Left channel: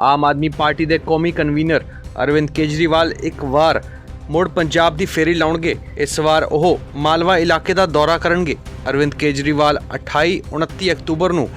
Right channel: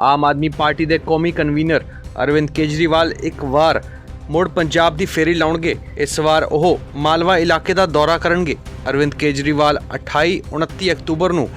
आम आदमी पार्टी के कौमी कन्वीनर अरविंद केजरीवाल एक बार मुड़ पंजाब की फेरी लाउणगे। इस बार वो मालवा इलाके का दौरा करनगे। अरविंद केजरीवाल 28-29 अक्तूबर को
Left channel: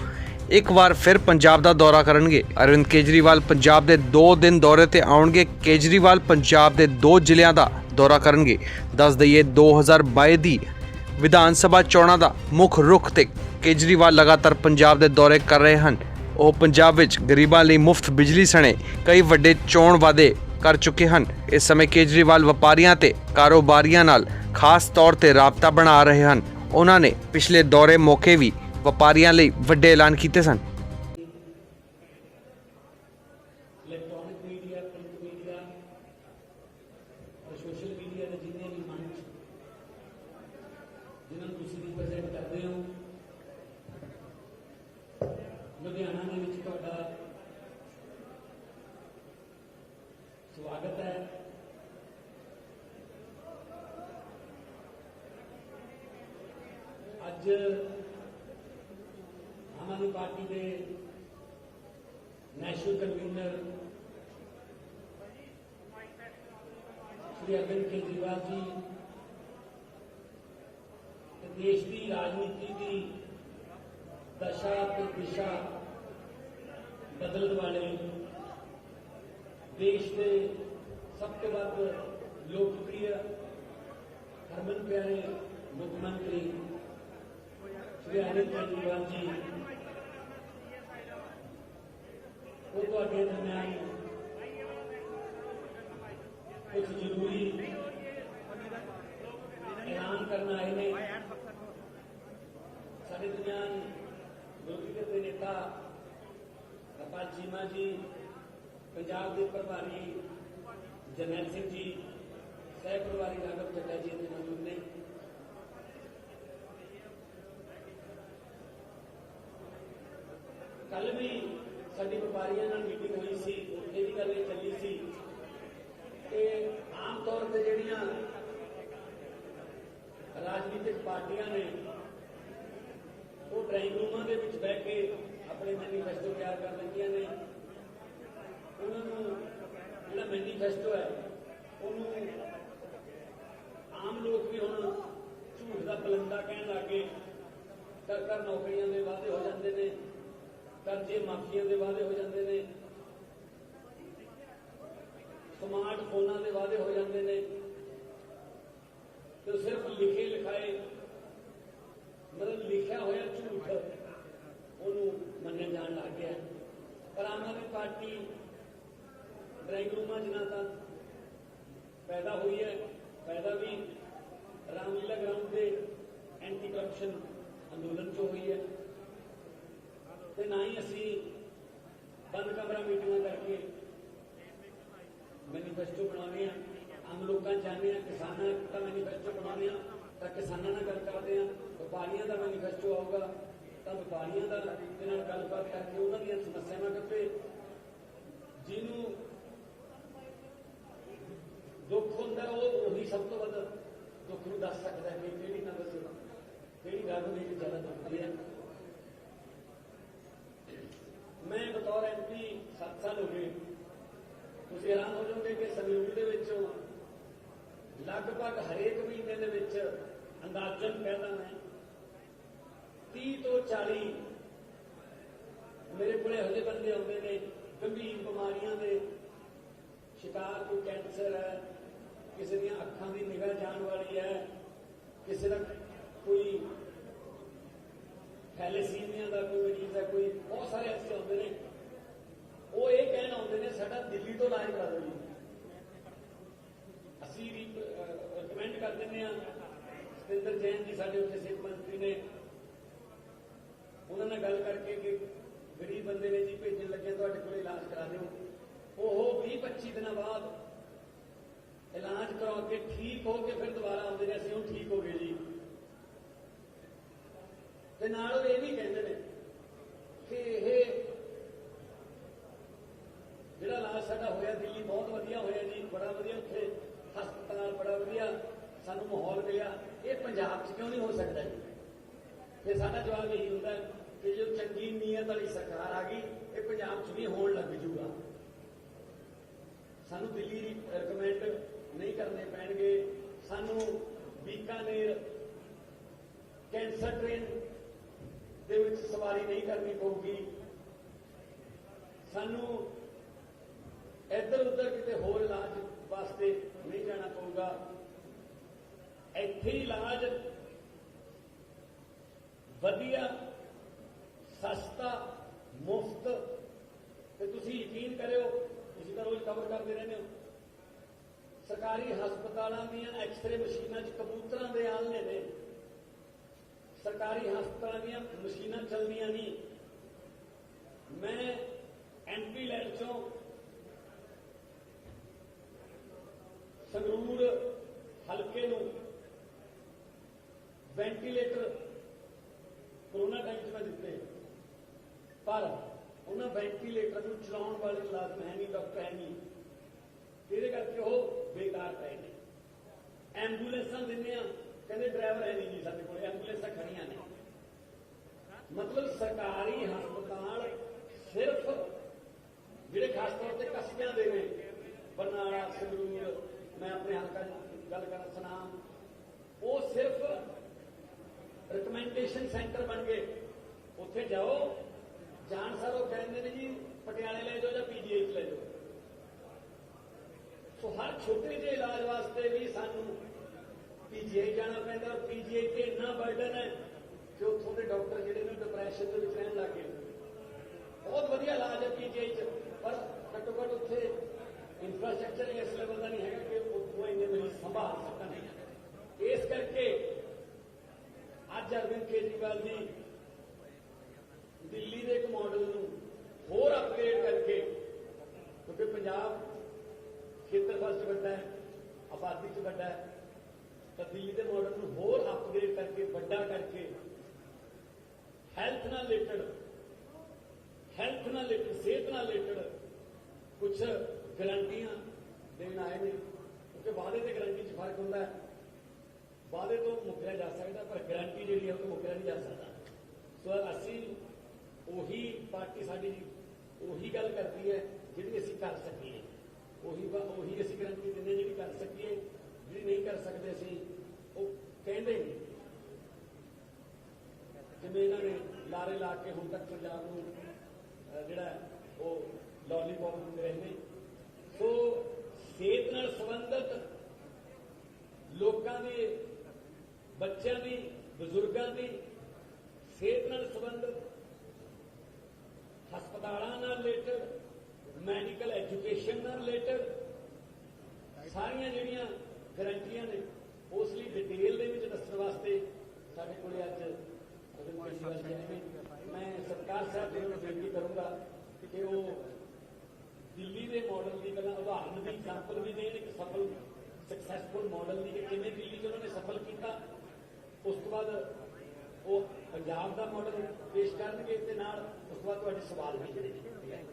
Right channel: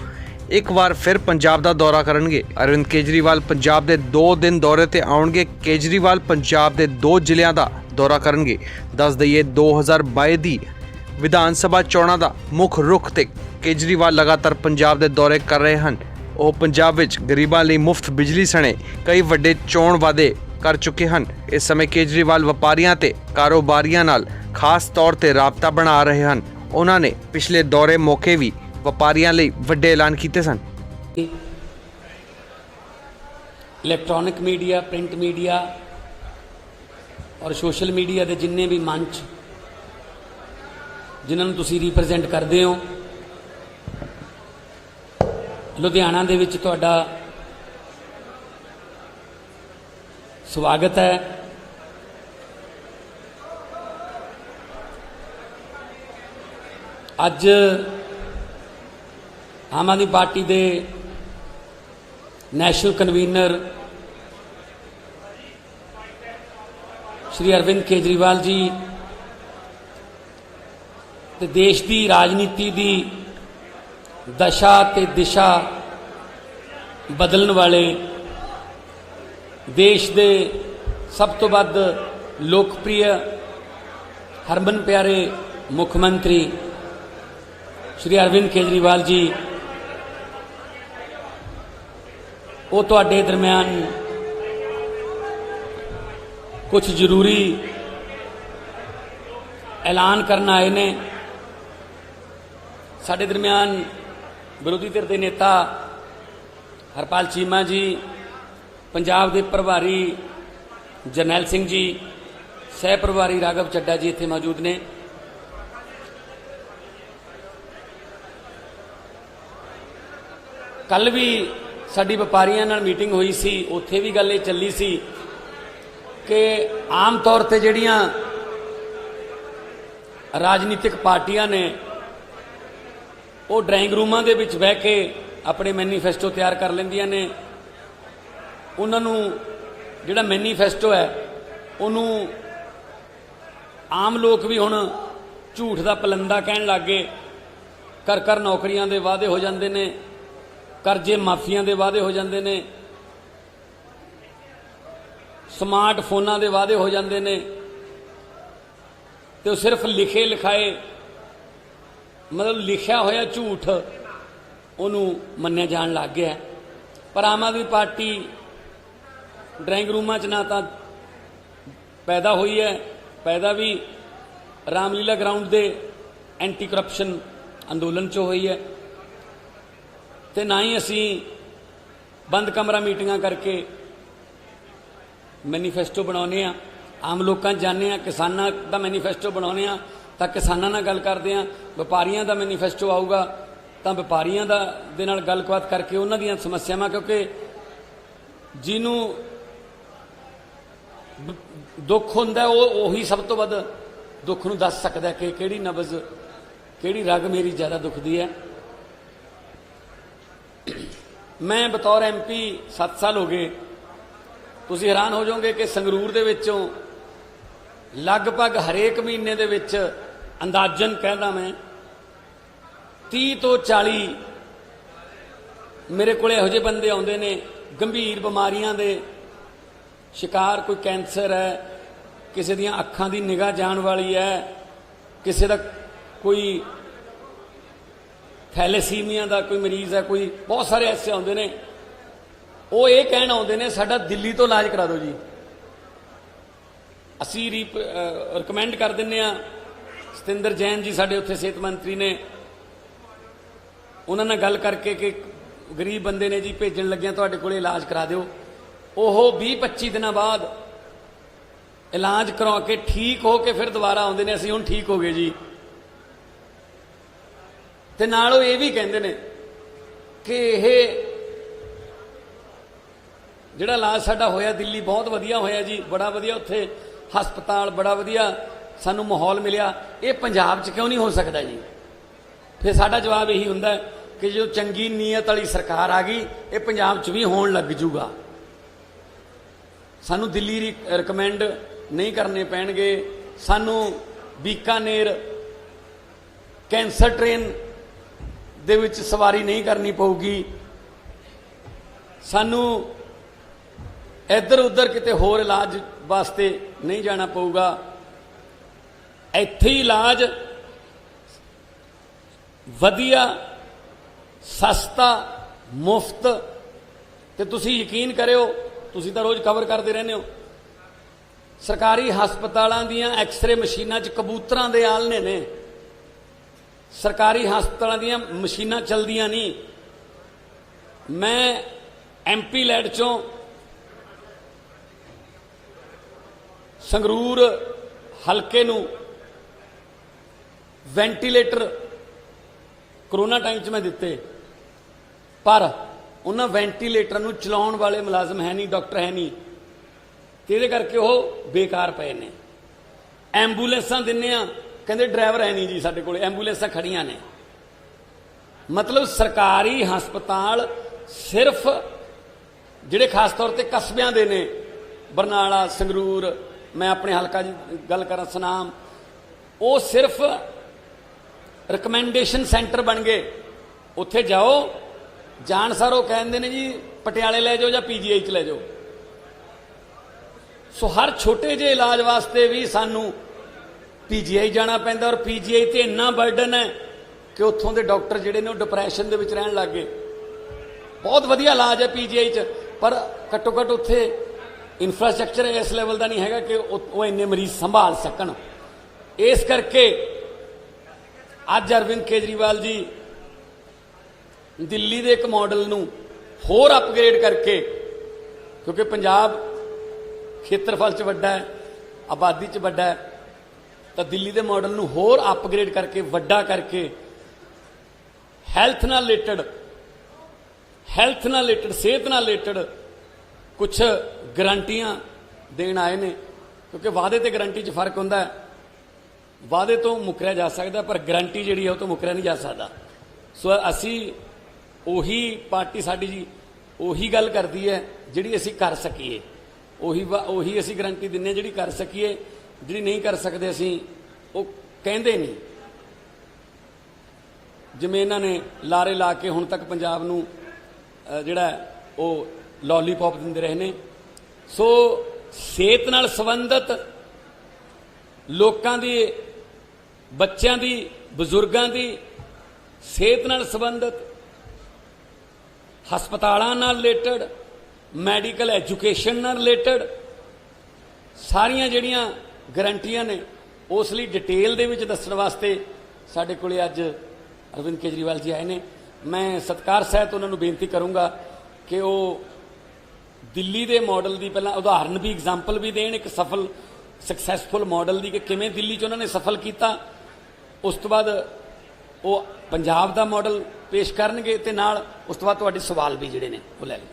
एक बार फिर पंजाब का दौरा करनगे। अरविंद केजरीवाल पंजाब के 2 दिन दौरे ते आउणगे। केजरीवाल पंजाब के 2 ਜ਼ਿਲ੍ਹਿਆਂ का दौरा करनगे। दस दईए 2022 की विधान सभा चोणां का मुख रुख ते केजरीवाल लगातार पंजाब के दौरे कर रहे हैं। वो पंजाब विच गरीबां लई मुफ्त बिजली सने कई वड्डे चोण वादे कर चुके हैं। इस समय केजरीवाल व्यापारियों ते कारोबारियों नाल खास तौर ते राबता बना रहे हैं। उन्होंने पिछले दौरे मौके भी व्यापारियों लई वड्डे ऐलान किए सन। इलैक्ट्रॉनिक मीडिया, प्रिंट मीडिया और सोशल मीडिया के जिन्ने भी मंच जिन्होंने तुसी रिप्रजेंट करते हो, लुधियाना दे विच तुहाडा स्वागत है। अज आम आदमी पार्टी के नैशनल कन्वीनर श्री अरविंद केजरीवाल जी ते देश की राजनीति की दशा ते दिशा बदलने वाले देश के सब तो वध लोकप्रिय हरमन प्यारे मुख्यमंत्री श्री अरविंद केजरीवाल जी वो तुहाडे दरम्यान कुछ जरूरी ऐलान करना आए ने। साडे दरम्यान विरोधी धिर के नेता हरपाल चीमा जी, पंजाब के प्रभारी जरनैल सिंह जी, सह प्रभारी राघव चड्डा जी इत्थे मौजूद ने। कल भी साडी व्यापारियों नाल मीटिंग हुई सी, उत्थे भी गल चली सी कि आम तौर पर जिहड़ियां राजनीतिक पार्टियां ने वो ड्राइंग रूमां दे विच बह के अपने मैनीफेस्टो तैयार कर लैंदियां ने। उन्होंने जिहड़ा मैनीफेस्टो है उन्हों आम लोग भी हुण झूठ का पलंदा कहण लग गए। कर कर नौकरियां दे वादे हो जांदे ने, करजे माफियां दे वादे हो जांदे ने, स्मार्ट फोनां दे वादे हो जांदे ने, तो सिर्फ लिखे लिखाए मतलब लिखा होया झूठ उन्होंने मन्निया जान लग गया। पर आम आदमी पार्टी ड्राइंग रूमां च ना तो पैदा हुई है, पैदा भी रामलीला ग्राउंड के एंटी करप्शन अंदोलन चो हुई है, तो ना ही असी बंद कमरा मीटिंगां करके मैनीफेस्टो बनाने। आम लोग जाने, किसानों का मैनीफेस्टो बनाने, तो किसानों नाल गल करते हैं। व्यापारियों का मैनीफेस्टो आऊगा तो व्यापारियों दे नाल गलबात करके उन्हां दीयां समस्यावां, क्योंकि जिन्हों दुख हुंदा उही सब तो वध दुख नूं दस सकदा कि किहड़ी नबज किहड़ी रग मेरी ज़्यादा दुखदी है। मैं बतौर MP 7 साल हो गए। तुसीं हैरान हो जाओगे कि संगरूर दे विचों लगभग हरेक महीने दे विच अंदाजन कहना मैं 30 तो 40 मेरे को इहो जिहे बंदे आउंदे ने गंभीर बीमारियां दे शिकार। कोई कैंसर है, किसी दियां अखां दी निगाह जाण वाली है, किसी दा कोई थैलेसीमिया का कोई मरीज है, कोई बहुत सारे ऐसे आउंदे ने। वो ये कहण आउंदे ने साडा दिल्ली तो इलाज करा दो जी। असी रिकमेंड कर दिंदे आ। सतिंदर जैन जी साडे उत्थे सेहत मंत्री ने, उन्हां नाल गल करके कि गरीब बंदे ने जी भेजण लग्गिया तुहाडे कोले इलाज करा दिओ। ओह 20-25 दिन बाद इलाज करवा के ठीक हो के फिर दोबारा आउंदे ने, असीं हुण ठीक हो गए जी। ते नाल ये भी कहंदे ने कि यह जिहड़ा इलाज साडा होया दिल्ली बहुत वधिया होया जी, बड़ा वधिया उत्थे हस्पताल बड़ा वधिया सानू माहौल मिलिया, ये पंजाब च क्यों नहीं हो सकता जी। फिर साडा जवाब यही हुंदा कि जो चंगी नीयत वाली सरकार आ गई ये पंजाब च भी होण लग जूगा। ਸਾਨੂੰ ਦਿੱਲੀ ਰਿਕਮੈਂਡ ਨਹੀਂ ਕਰਨੇ ਪੈਣਗੇ, ਸਾਨੂੰ ਬੀਕਾਨੇਰ ਕੈਂਸਰ ਟ੍ਰੇਨ ਦੇ ਵਿੱਚ ਸਵਾਰੀ ਨਹੀਂ ਕਰਨੀ ਪਊਗੀ, ਸਾਨੂੰ ਇੱਧਰ ਉੱਧਰ ਕਿਤੇ ਹੋਰ ਇਲਾਜ ਵਾਸਤੇ ਨਹੀਂ ਜਾਣਾ ਪਊਗਾ। ਇੱਥੇ ਹੀ ਇਲਾਜ ਵਧੀਆ, ਸਸਤਾ, ਮੁਫਤ। ਤੇ ਤੁਸੀਂ ਯਕੀਨ ਕਰਿਓ, ਤੁਸੀਂ ਤਾਂ ਰੋਜ਼ ਕਵਰ ਕਰਦੇ ਰਹਿੰਦੇ ਹੋ, ਸਰਕਾਰੀ ਹਸਪਤਾਲਾਂ ਦੀਆਂ ਐਕਸ-ਰੇ ਮਸ਼ੀਨਾਂ 'ਚ ਕਬੂਤਰਾਂ ਦੇ ਆਲਣੇ ਨੇ। ਸਰਕਾਰੀ ਹਸਪਤਾਲਾਂ ਦੀਆਂ ਮਸ਼ੀਨਾਂ ਚੱਲਦੀਆਂ ਨਹੀਂ। ਮੈਂ ਐਮਪੀ ਲੈਡ ਚੋਂ ਸੰਗਰੂਰ ਹਲਕੇ ਨੂੰ ਵੈਂਟੀਲੇਟਰ ਕਰੋਨਾ ਟਾਈਮ 'ਚ ਮੈਂ ਦਿੱਤੇ, ਪਰ ਉਹਨਾਂ ਵੈਂਟੀਲੇਟਰ ਨੂੰ ਚਲਾਉਣ ਵਾਲੇ ਮੁਲਾਜ਼ਮ ਹੈ ਨਹੀਂ, ਡਾਕਟਰ ਹੈ ਨਹੀਂ, ਤੇ ਇਹਦੇ ਕਰਕੇ ਉਹ ਬੇਕਾਰ ਪਏ ਨੇ। ਐਂਬੂਲੈਂਸਾਂ ਦਿੰਨੇ ਆ, ਕਹਿੰਦੇ ਡਰਾਈਵਰ ਹੈ ਨਹੀਂ ਜੀ ਸਾਡੇ ਕੋਲ, ਐਂਬੂਲੈਂਸਾਂ ਖੜੀਆਂ ਨੇ। ਮਤਲਬ ਸਰਕਾਰੀ ਹਸਪਤਾਲ ਸਿਰਫ ਜਿਹੜੇ ਖਾਸ ਤੌਰ ਤੇ ਕਸਬਿਆਂ ਦੇ ਨੇ, ਬਰਨਾਲਾ, ਸੰਗਰੂਰ, ਮੈਂ ਆਪਣੇ ਹਲਕਾ ਦੀ ਗੱਲ ਕਰਾਂ ਸੁਨਾਮ, ਉਹ ਸਿਰਫ ਰਿਕਮੈਂਡੇਸ਼ਨ ਸੈਂਟਰ ਬਣ ਗਏ। ਉੱਥੇ ਜਾਓ, ਜਾਣ ਸਾਰ ਉਹ ਕਹਿੰਦੇ ਨੇ ਜੀ ਪਟਿਆਲੇ ਲੈ ਜਾਓ ਜਾਂ ਪੀਜੀਆਈ 'ਚ ਲੈ ਜਾਓ। ਸੋ ਹਰ ਛੋਟੇ ਜਿਹੇ ਇਲਾਜ ਵਾਸਤੇ ਵੀ ਸਾਨੂੰ ਪੀਜੀਆਈ ਜਾਣਾ ਪੈਂਦਾ, ਔਰ ਪੀਜੀਆਈ ਤੇ ਇੰਨਾ ਬਰਡਨ ਹੈ ਕਿ ਉੱਥੋਂ ਦੇ ਡਾਕਟਰ ਜਿਹੜੇ ਨੇ ਉਹ ਡਿਪਰੈਸ਼ਨ ਦੇ ਵਿੱਚ ਰਹਿਣ ਲੱਗ ਗਏ। ਬਹੁਤ ਵਧੀਆ ਇਲਾਜ ਹੈ ਪੀਜੀਆਈ 'ਚ, ਪਰ ਘੱਟੋ ਘੱਟ ਉੱਥੇ ਇਨਫਰਾਸਟ੍ਰਕਚਰ ਇਸ ਲੈਵਲ ਦਾ ਨਹੀਂ ਹੈਗਾ ਕਿ ਉਹ ਇੰਨੇ ਮਰੀਜ਼ ਸੰਭਾਲ ਸਕਣ। ਇਸ ਕਰਕੇ ਅੱਜ ਅਰਵਿੰਦ ਕੇਜਰੀਵਾਲ ਜੀ ਦਿੱਲੀ ਦੇ ਇੱਕ ਮਾਡਲ ਨੂੰ ਹੋਰ ਅਪਗ੍ਰੇਡ ਕਰਕੇ, ਕਿਉਂਕਿ ਪੰਜਾਬ ਖੇਤਰਫਲ 'ਚ ਵੱਡਾ ਹੈ, ਆਬਾਦੀ 'ਚ ਵੱਡਾ ਹੈ, ਤਾਂ ਦਿੱਲੀ ਦੇ ਮਾਡਲ ਨੂੰ ਹੋਰ ਅਪਗ੍ਰੇਡ ਕਰਕੇ, ਵੱਡਾ ਕਰਕੇ, ਹੈਲਥ ਨਾਲ ਰਿਲੇਟਡ, ਸਿਹਤ ਨਾਲ ਰਿਲੇਟਡ ਕੁਝ ਗਰੰਟੀਆਂ ਦੇਣ ਆਏ ਨੇ। ਕਿਉਂਕਿ ਵਾਅਦੇ ਤੇ ਗਰੰਟੀ 'ਚ ਫਰਕ ਹੁੰਦਾ ਹੈ। ਵਾਅਦੇ ਤੋਂ ਮੁੱਕਰਿਆ ਜਾ ਸਕਦਾ, ਪਰ ਗਰੰਟੀ ਜਿਹੜੀ ਹੈ ਉਹ ਤੋਂ ਮੁੱਕਰਿਆ ਨਹੀਂ ਜਾ ਸਕਦਾ। ਸੋ ਅਸੀਂ ਉਹੀ ਪਾਰਟੀ ਸਾਡੀ ਜੀ ਉਹੀ ਗੱਲ ਕਰਦੀ ਹੈ ਜਿਹੜੀ ਅਸੀਂ ਕਰ ਸਕੀਏ, ਉਹੀ ਅਸੀਂ ਗਰੰਟੀ ਦਿੰਦੇ ਹਾਂ ਜਿਹੜੀ ਕਰ ਸਕੀਏ। ਜਿਹੜੀ ਨਹੀਂ ਕਰ ਸਕਦੇ ਅਸੀਂ ਉਹ ਕਹਿੰਦੇ ਨਹੀਂ। ਜਿਵੇਂ ਇਹਨਾਂ ਨੇ ਲਾਰੇ ਲਾ ਕੇ ਹੁਣ ਤੱਕ ਪੰਜਾਬ ਨੂੰ ਜਿਹੜਾ ਉਹ ਲੋਲੀਪੌਪ ਦਿੰਦੇ ਰਹੇ ਨੇ। ਸੋ ਸਿਹਤ ਨਾਲ ਸੰਬੰਧਿਤ ਲੋਕਾਂ ਦੀ, ਬੱਚਿਆਂ ਦੀ, ਬਜ਼ੁਰਗਾਂ ਦੀ ਸਿਹਤ ਨਾਲ ਸੰਬੰਧਿਤ, ਹਸਪਤਾਲਾਂ ਨਾਲ ਰਿਲੇਟਡ, ਮੈਡੀਕਲ ਐਜੂਕੇਸ਼ਨ ਨਾਲ ਰਿਲੇਟਡ ਸਾਰੀਆਂ ਜਿਹੜੀਆਂ ਗਰੰਟੀਆਂ ਨੇ, ਉਸ ਲਈ ਡਿਟੇਲ ਦੇ ਵਿੱਚ ਦੱਸਣ ਵਾਸਤੇ ਸਾਡੇ ਕੋਲੇ ਅੱਜ ਅਰਵਿੰਦ ਕੇਜਰੀਵਾਲ ਜੀ ਆਏ ਨੇ। ਮੈਂ ਸਤਿਕਾਰ ਸਹਿਤ ਉਹਨਾਂ ਨੂੰ ਬੇਨਤੀ ਕਰੂੰਗਾ ਕਿ ਉਹ ਦਿੱਲੀ ਦੇ ਮਾਡਲ ਦੀ ਪਹਿਲਾਂ ਉਦਾਹਰਨ ਵੀ, ਐਗਜ਼ਾਮਪਲ ਵੀ ਦੇਣ, ਇੱਕ ਸਫਲ ਸਕਸੈਸਫੁਲ ਮਾਡਲ ਦੀ, ਕਿ ਕਿਵੇਂ ਦਿੱਲੀ 'ਚ ਉਹਨਾਂ ਨੇ ਸਫਲ ਕੀਤਾ। ਉਸ ਤੋਂ ਬਾਅਦ ਉਹ ਪੰਜਾਬ ਦਾ ਮਾਡਲ ਪੇਸ਼ ਕਰਨਗੇ ਤੇ ਨਾਲ ਉਸ ਤੋਂ ਬਾਅਦ ਤੁਹਾਡੇ ਸਵਾਲ ਵੀ ਜਿਹੜੇ ਨੇ ਉਹ ਲੈ ਲਓ।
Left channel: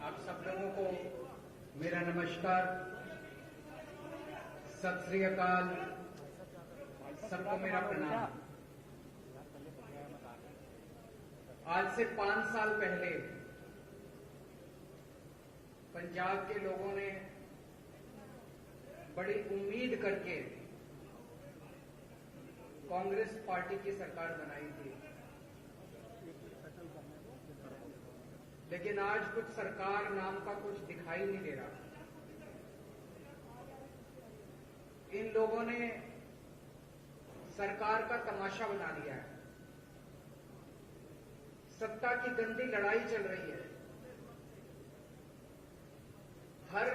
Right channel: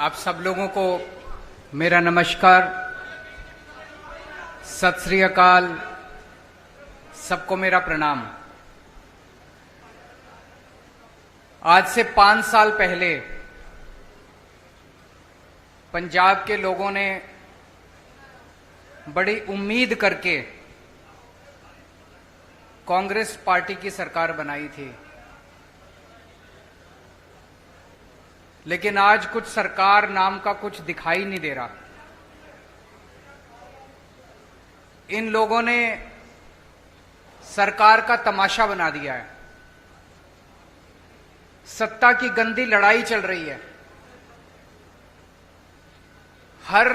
आप सब लोगों को मेरा नमस्कार, सत श्री अकाल, सबको मेरा प्रणाम। आज से 5 साल पहले पंजाब के लोगों ने बड़ी उम्मीद करके कांग्रेस पार्टी की सरकार बनाई थी, लेकिन आज कुछ सरकार नाम का कुछ दिखाई नहीं दे रहा। इन लोगों ने सरकार का तमाशा बना दिया है। सत्ता की गंदी लड़ाई चल रही है। हर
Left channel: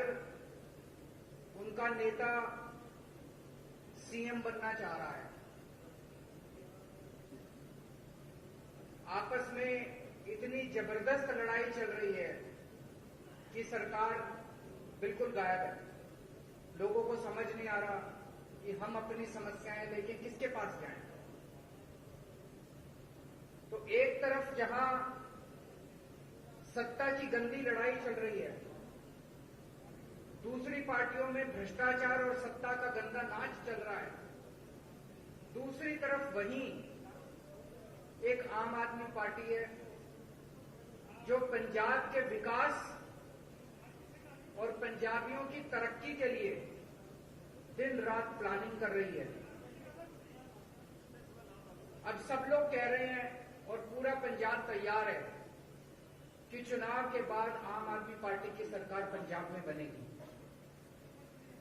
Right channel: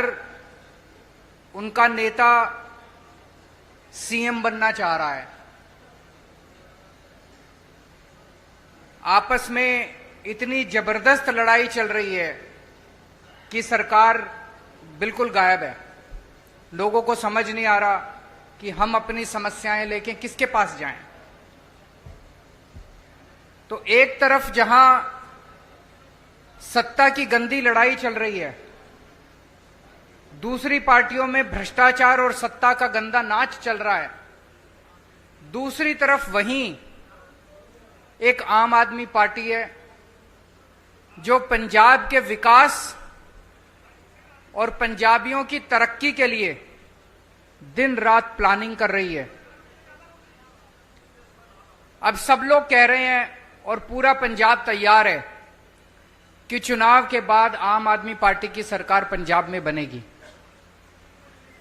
उनका नेता सीएम बनना चाह रहा है। आपस में इतनी जबरदस्त लड़ाई चल रही है कि सरकार बिल्कुल गायब है। लोगों को समझ नहीं आ रहा कि हम अपनी समस्याएं लेके किसके पास जाएं। तो एक तरफ जहां सत्ता की गंदी लड़ाई चल रही है, दूसरी पार्टियों में भ्रष्टाचार और सत्ता का गंदा नाच चल रहा है। दूसरी तरफ वहीं एक आम आदमी पार्टी है जो पंजाब के विकास और पंजाबियों की तरक्की के लिए दिन रात प्लानिंग कर रही है। अब सब लोग कह रहे हैं और पूरा पंजाब तैयार है कि चुनाव के बाद आम आदमी पार्टी की सरकार पंजाब में बनेगी।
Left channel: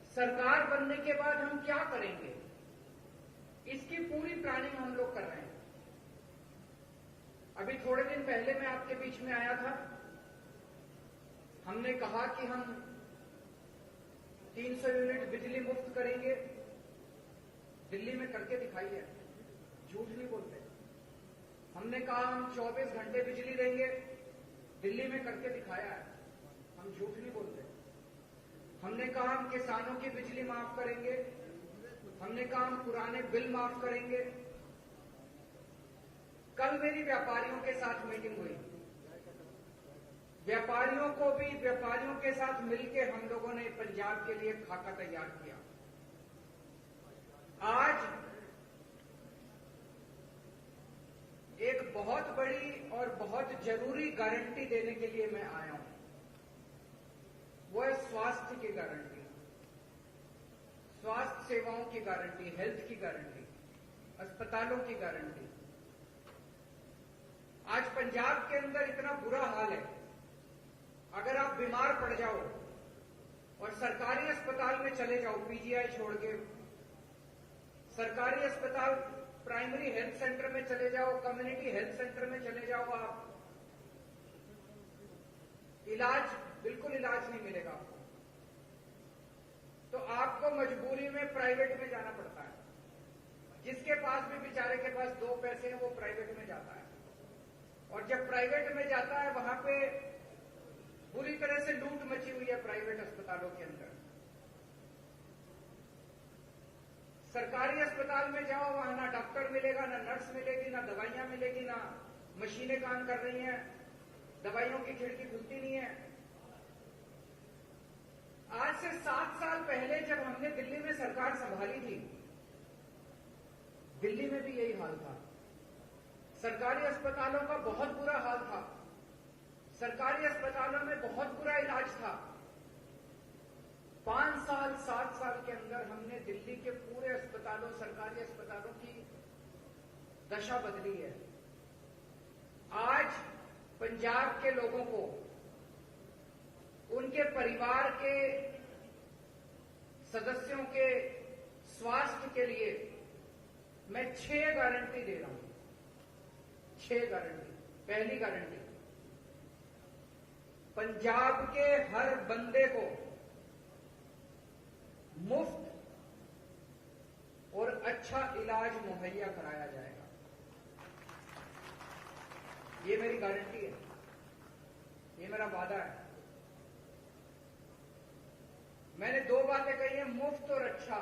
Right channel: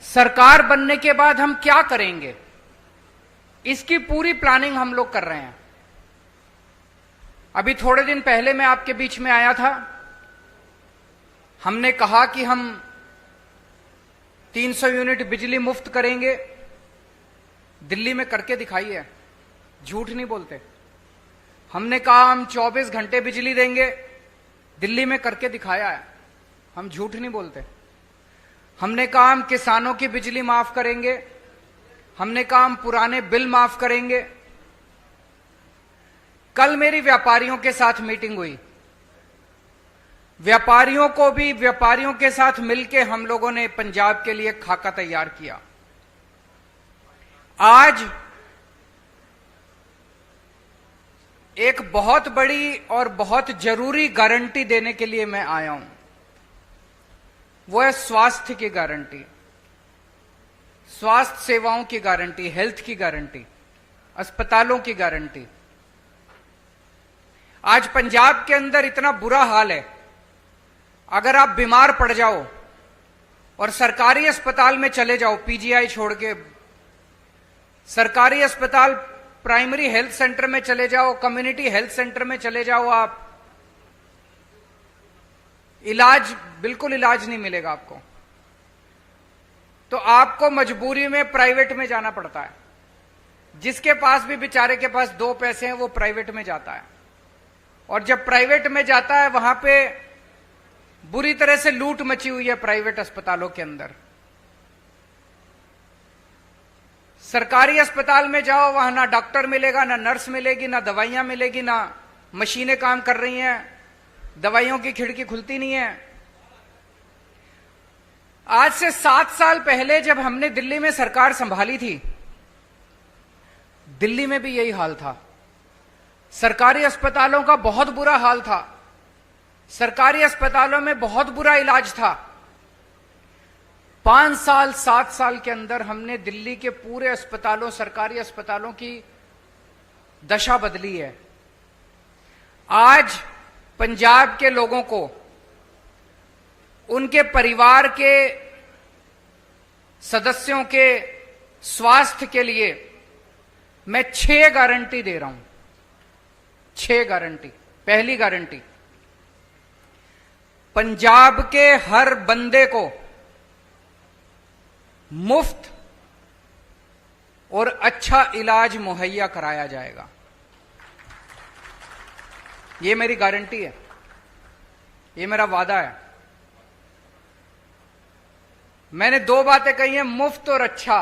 सरकार बनने के बाद हम क्या करेंगे, इसकी पूरी प्लानिंग हम लोग कर रहे हैं। अभी थोड़े दिन पहले मैं आपके बीच में आया था, हमने कहा कि हम 300 यूनिट बिजली मुफ्त करेंगे। दिल्ली में करके दिखाई है, झूठ नहीं बोलते। हमने कहा हम 24 घंटे बिजली देंगे, दिल्ली में करके दिखाया है, हम झूठ नहीं बोलते। हमने कहा हम किसानों की बिजली माफ करेंगे, हमने कहा हम पुराने बिल माफ करेंगे। कल मेरी व्यापारियों के साथ मीटिंग हुई, व्यापारियों के साथ मिलकर हम लोगों ने पंजाब के लिए खाका तैयार किया। आज एक बहुत बड़ी और बहुत जरूरी गारंटी देने के लिए मैं आया हूं, वो है स्वास्थ्य की गारंटी, स्वास्थ्य सेवाओं की गारंटी, हेल्थ की गारंटी, अस्पतालों की गारंटी। आज पंजाब के अंदर इतना बुरा हाल है, अगर आप बीमार पड़ जाओ और सरकारी अस्पताल में चले जाओ, पीजीआई छोड़ के सरकारी अस्पताल, प्राइमरी हेल्थ सेंटर में चले जाओ, कम्युनिटी हेल्थ सेंटर में चले जाओ, आप बिल्कुल इलाज नहीं मिलेगा आपको। तो आपको मजबूरी में प्राइवेट में जाना पड़ता है। जिसके पास भी बेचारे के पास 2 पैसे हैं वो प्राइवेट में जाता है, और जब प्राइवेट में जाता है वहां पे बुरी तरह से लूट मची हुई है प्राइवेट अस्पतालों के अंदर। सरकारी अस्पताल में जाओ, वहां ना डॉक्टर मिलेगा, ना नर्स मिलेगी, ना दवाइयां मिलेगी, ना मशीनें काम कर रही हैं, दवाइयों की खिड़की खुलती नहीं है। आज से 7 साल पहले जब हमने दिल्ली में सरकार संभाली थी, दिल्ली में भी यही हाल था। सरकारी अस्पतालों का बहुत बुरा हाल था, सरकारी अस्पतालों में बहुत बुरा इलाज था। 5 साल 7 साल के अंदर हमने दिल्ली के पूरे अस्पतालों, सरकारी अस्पतालों की दशा बदली है। आज पंजाब के लोगों को, उनके परिवार के सदस्यों के स्वास्थ्य के लिए मैं 6 गारंटी दे रहा हूं। 6 गारंटी। पहली गारंटी, पंजाब के हर बंदे को मुफ्त और अच्छा इलाज मुहैया कराया जाएगा। यह मेरी गारंटी है, यह मेरा वादा है। मैंने 2 बातें कही हैं, मुफ्त और अच्छा।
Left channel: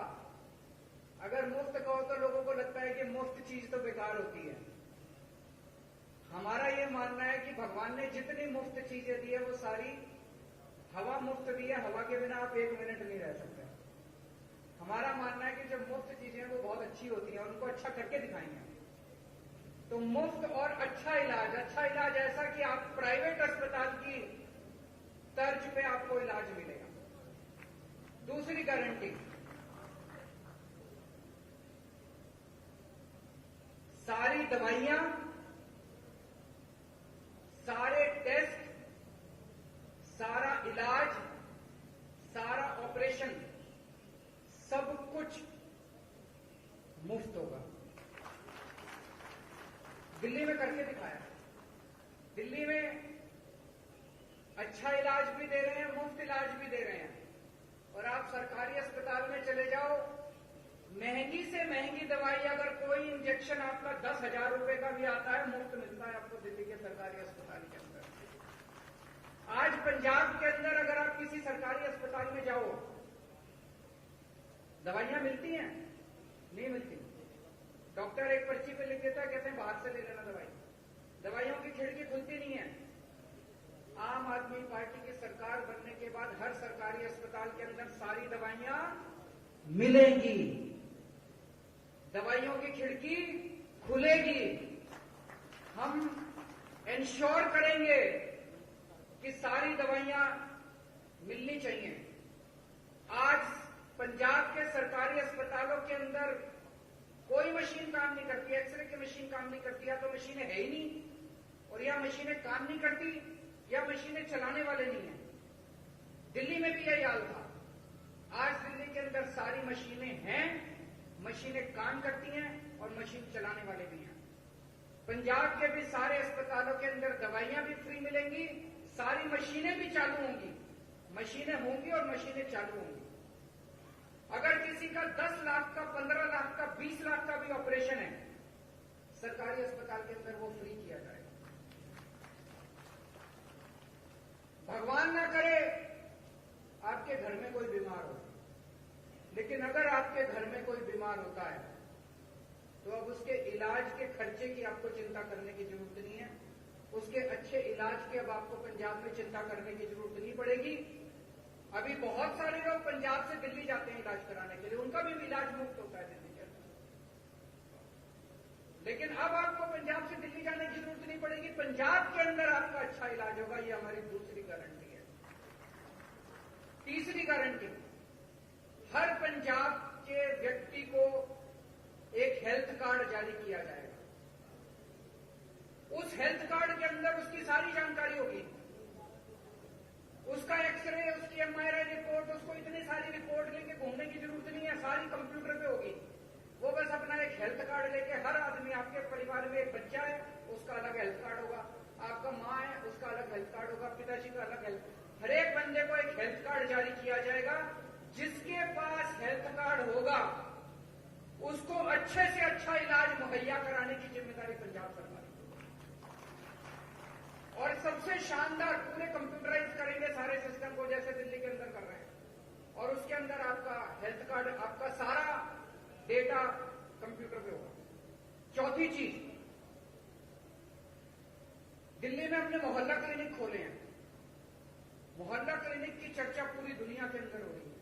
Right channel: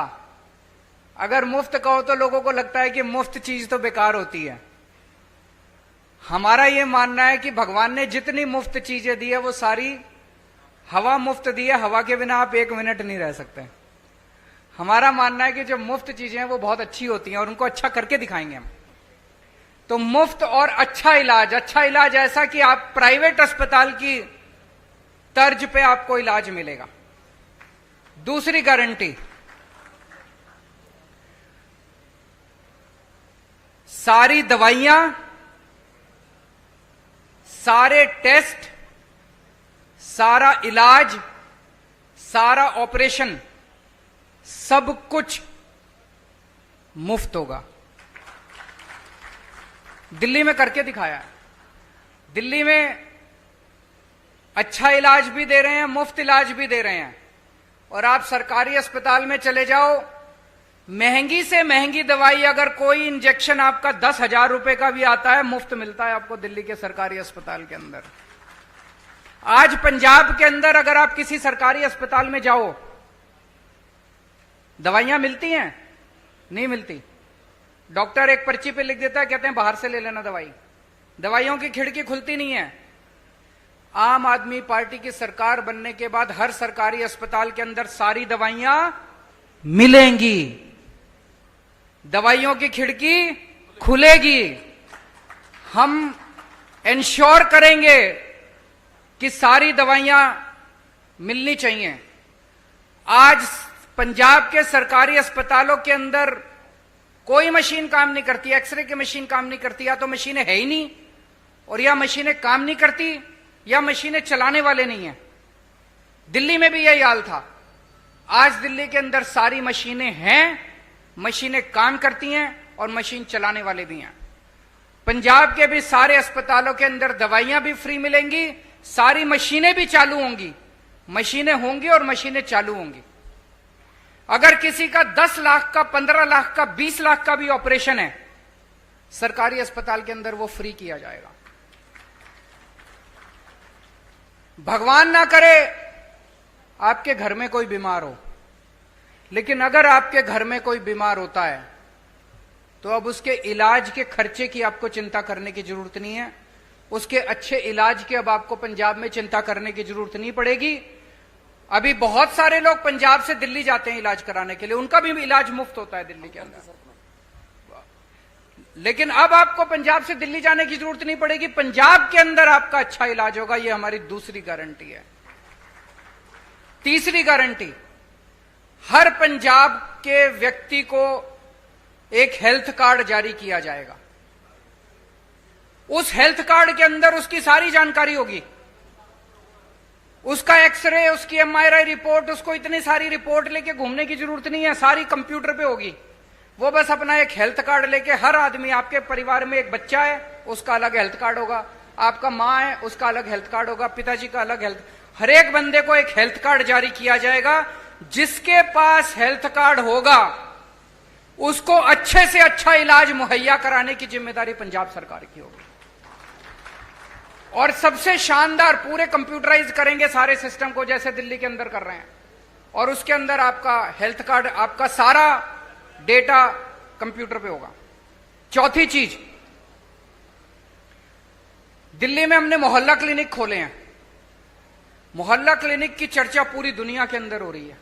अगर मुफ्त कहो तो लोगों को लगता है कि मुफ्त चीज तो बेकार होती है। हमारा यह मानना है कि भगवान ने जितनी मुफ्त चीजें दी है वो सारी हवा मुफ्त दी है, हवा के बिना आप 1 मिनट नहीं रह सकते। हमारा मानना है कि जो मुफ्त चीजें हैं वो बहुत अच्छी होती हैं और उनको अच्छा करके दिखाएंगे हम। तो मुफ्त और अच्छा इलाज ऐसा कि आप प्राइवेट अस्पताल की तर्ज पे आपको इलाज मिलेगा। दूसरी गारंटी, सारी दवाइयां, सारे टेस्ट, सारा इलाज, सारा ऑपरेशन, सब कुछ मुफ्त होगा। दिल्ली में करके दिखाया है। दिल्ली में अच्छा इलाज भी दे रहे हैं, मुफ्त इलाज भी दे रहे हैं। और आप सरकारी अस्पताल में चले जाओ, महंगी से महंगी दवाई, अगर कोई इंजेक्शन आपका 10,000 रुपए का भी आता है, मुफ्त मिलता है आपको दिल्ली के सरकारी अस्पताल के अंदर। आज पंजाब के अंदर अगर आप किसी सरकारी अस्पताल में जाओ, दवाइयां मिलती हैं? नहीं मिलती। डॉक्टर एक पर्ची पे लिख देता है, कहते हैं बाहर से ले लेना दवाई। दवाइयों की खिड़की खुलती नहीं है। आम आदमी पार्टी की सरकार बनने के बाद हर सरकारी अस्पताल के अंदर सारी दवाइयां मिलेंगी, दवाइयों की खिड़की खुलेगी। हम इंश्योर करेंगे कि सारी दवाइयां मिलनी चाहिए। आज पंजाब के सरकारी अस्पतालों के अंदर कोई मशीन काम नहीं करती, एक्सरे की मशीन काम नहीं करती, या तो मशीनें है ही नहीं, और या मशीनें काम नहीं करती, या मशीनें चलाने वाले नहीं है। दिल्ली में भी यही हाल था। आज दिल्ली के अंदर सारी मशीनें हैं, मशीनें काम करती हैं और मशीन चलाने वाले भी हैं। पंजाब के भी सारे अस्पतालों के अंदर दवाइयां भी फ्री मिलेंगी, सारी मशीनें भी चालू होंगी, मशीनें होंगी और मशीनें चालू होंगी। अगर किसी का 10 लाख का, 15 लाख का, 20 लाख का भी ऑपरेशन है, सरकारी अस्पताल के अंदर वो फ्री किया जाएगा। भगवान ना करे आपके घर में कोई बीमार हो, लेकिन अगर आपके घर में कोई बीमार होता है तो अब उसके इलाज के खर्चे की आपको चिंता करने की जरूरत नहीं है। उसके अच्छे इलाज की अब आपको पंजाब में चिंता करने की जरूरत नहीं पड़ेगी। अभी बहुत सारे लोग पंजाब से दिल्ली जाते हैं इलाज कराने के लिए, उनका भी इलाज मुफ्त होता है दिल्ली के अंदर। लेकिन अब आपको पंजाब से दिल्ली जाने की जरूरत नहीं पड़ेगी, पंजाब के अंदर आपका अच्छा इलाज होगा। यह हमारी दूसरी गारंटी है। तीसरी गारंटी, हर पंजाब के व्यक्ति को एक हेल्थ कार्ड जारी किया जाएगा। उस हेल्थ कार्ड के अंदर उसकी सारी जानकारी होगी, उसका एक्सरे, उसकी एमआरआई रिपोर्ट, उसको इतनी सारी रिपोर्ट लेके घूमने की जरूरत नहीं है, सारी कंप्यूटर पे होगी। वो बस अपना एक हेल्थ कार्ड लेके, हर आदमी, आपके परिवार में एक बच्चा है उसका अलग हेल्थ कार्ड होगा, आपका मां है उसका अलग हेल्थ कार्ड होगा, पिताजी का अलग हेल्थ, हर एक बंदे को एक हेल्थ कार्ड जारी किया जाएगा। जिसके पास हेल्थ कार्ड होगा उसको अच्छे से अच्छा इलाज मुहैया कराने की जिम्मेदारी पंजाब सरकार की होगी। और सबसे शानदार, पूरे कंप्यूटराइज करेंगे सारे सिस्टम को जैसे दिल्ली के अंदर कर रहे हैं, और उसके अंदर आपका हेल्थ कार्ड, आपका सारा डेटा कंप्यूटर पे होगा। चौथी चीज, दिल्ली में हमने मोहल्ला क्लिनिक खोले हैं। मोहल्ला क्लिनिक की चर्चा पूरी दुनिया के अंदर हो रही है।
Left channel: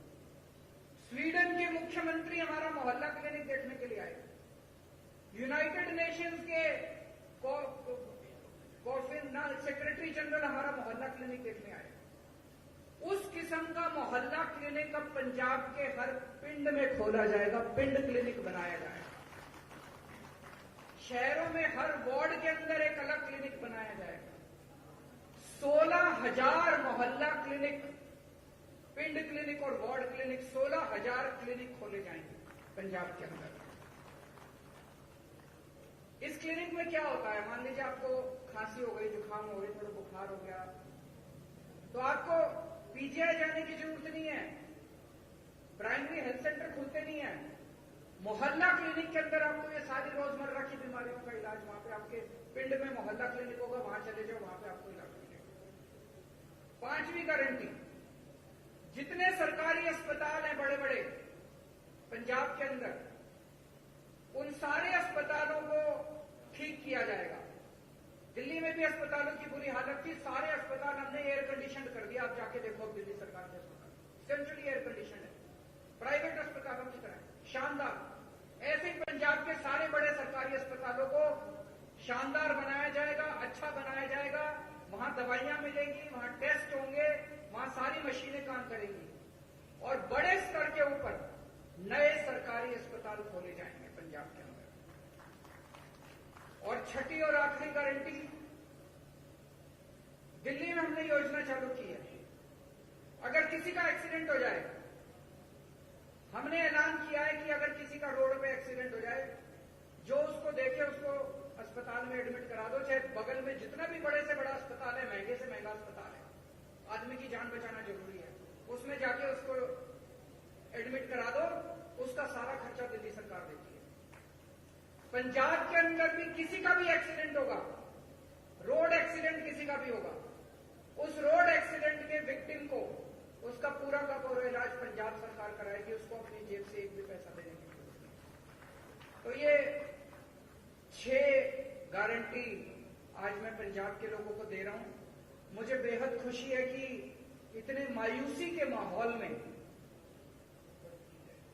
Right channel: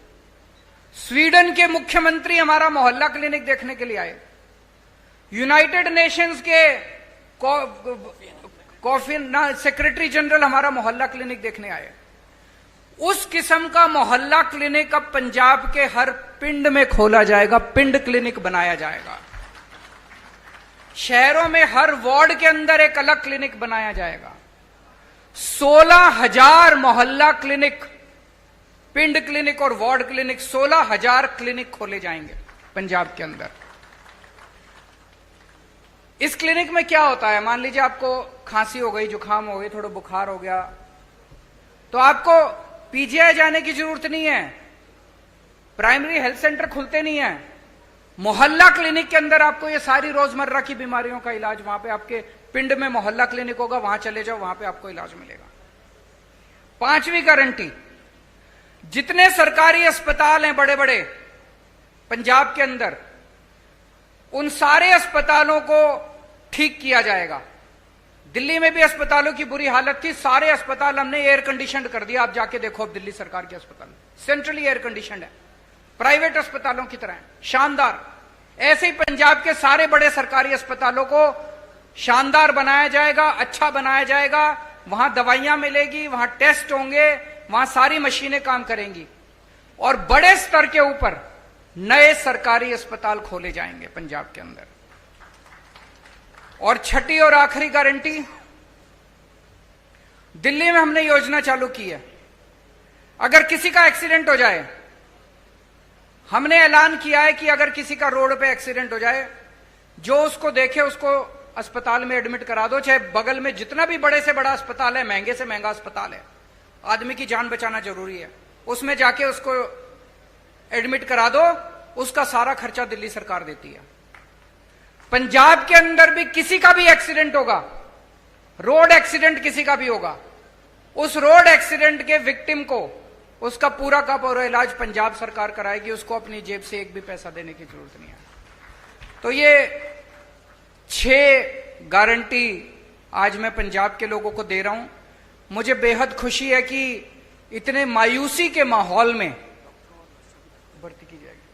स्वीडन के मुख्यमंत्री हमारा मोहल्ला क्लिनिक देखने के लिए आए, यूनाइटेड नेशंस के सेक्रेटरी जनरल हमारा मोहल्ला क्लिनिक देखने आए। उस किस्म का मोहल्ला क्लिनिक अब पंजाब के हर पिंड में खोला जाएगा, पिंड क्लिनिक बनाया जाएगा। शहरों में हर वार्ड के अंदर एक अलग क्लिनिक बनाया जाएगा। 16,000 मोहल्ला क्लिनिक, पिंड क्लिनिक और वार्ड क्लिनिक, 16,000 क्लिनिक खोले जाएंगे पंजाब के अंदर। इस क्लिनिक में क्या होता है, मान लीजिए आपको खांसी हो गई, जुकाम हो गई, थोड़ा बुखार हो गया, तो आपको पीजीआई जाने की जरूरत नहीं है, प्राइमरी हेल्थ सेंटर खुलते नहीं है। मोहल्ला क्लिनिक के अंदर आपको ये सारी रोजमर्रा की बीमारियों का इलाज, वहां पे आपके पिंड में मोहल्ला क्लिनिक होगा, वहां चले जाओ, वहां पे आपको इलाज मिलेगा। पांचवी गारंटी, जितने सरकारी अस्पताल हैं बड़े बड़े पंजाब के अंदर, उन सारे अस्पतालों को ठीक किया जाएगा। दिल्ली में भी अस्पतालों की बुरी हालत थी, सारे अस्पताल हमने एयर कंडीशनड कर दिया। आप जाके देखो, अब दिल्ली सरकार के अस्पताल सेंट्रली एयर कंडीशनड है, प्राइवेट अस्पतालों की तरह शानदार। ऐसे ही पंजाब के सारे बड़े सरकारी अस्पतालों को शानदार बनाया जाएगा, अच्छा बनाया जाएगा। वहां दवाइयां मिलेगी, वहां टेस्ट होंगे, वहां सारी मशीनें काम करेंगी, और बड़े स्तर के ऊपर नए सरकारी अस्पताल खोले जाएंगे पंजाब के अंदर। और छठी और आखिरी गारंटी, दिल्ली में हमने योजना चालू की है, अगर किसी का एक्सीडेंट हो जाए, हमने ऐलान किया है कि अगर किसी का रोड पे एक्सीडेंट हो जाए, जो उसको देखे उसको अस्पताल में एडमिट करा दो, चाहे बगल में जितना भी बड़े से बड़ा अस्पताल है, महंगे से महंगा अस्पताल है, आदमी की जान बचाना जरूरी है, उसमें जाके उसको एडमिट करा दो, उसका सारा खर्चा दिल्ली सरकार देती है। पंजाब के अंदर भी किसी का भी एक्सीडेंट होगा, रोड एक्सीडेंट किसी का भी होगा, उस रोड एक्सीडेंट के विक्टिम को उसका पूरा का पूरा इलाज पंजाब सरकार कराएगी, उसको अपनी जेब से एक भी पैसा देने की जरूरत नहीं है। तो ये 6 गारंटी आज मैं पंजाब के लोगों को दे रहा हूं। मुझे बेहद खुशी है कि इतने मायूसी के माहौल में, भर्ती की जाएगी,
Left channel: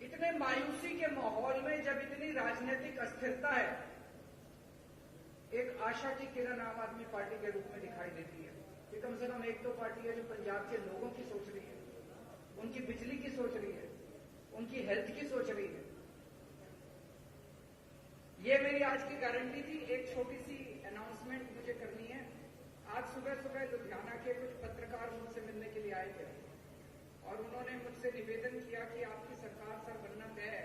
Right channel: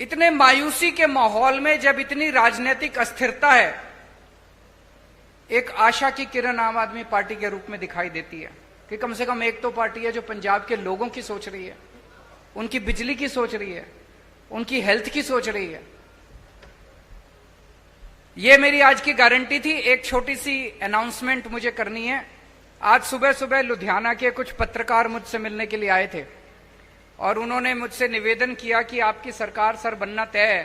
इतने मायूसी के माहौल में, जब इतनी राजनीतिक अस्थिरता है, एक आशा की किरण आम आदमी पार्टी के रूप में दिखाई देती है कि कम से कम एक तो पार्टी है जो पंजाब के लोगों की सोच रही है, उनकी बिजली की सोच रही है, उनकी हेल्थ की सोच रही है। ये मेरी आज की गारंटी थी। एक छोटी सी अनाउंसमेंट मुझे करनी है। आज सुबह सुबह लुधियाना के कुछ पत्रकार मुझसे मिलने के लिए आए थे और उन्होंने मुझसे निवेदन किया कि आपकी सरकार सर बनना तय है,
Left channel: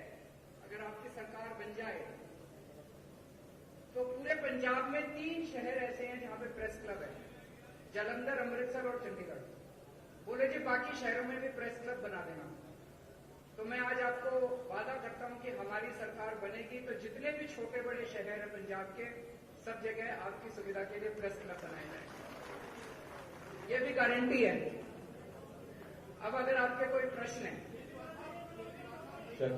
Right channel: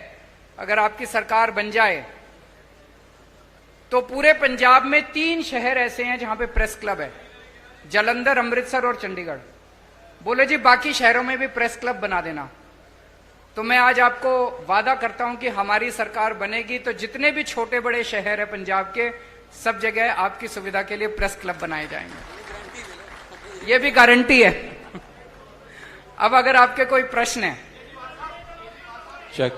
अगर आपकी सरकार बन जाए तो पूरे पंजाब में 3 शहर ऐसे हैं जहां पे प्रेस क्लब है, जालंधर, अमृतसर और चंडीगढ़। बोले जी बाकी शहरों में भी प्रेस क्लब बना देना। तो मैं आज आपको वादा करता हूं कि हमारी सरकार बनेगी तो जितने भी छोटे बड़े शहर है पंजाब के, सब जगह आपकी सुविधा के लिए प्रेस क्लब बनाए जाएंगे। ये भी गारंटी है। अब अगर आपके कोई प्रश्न है। चेक।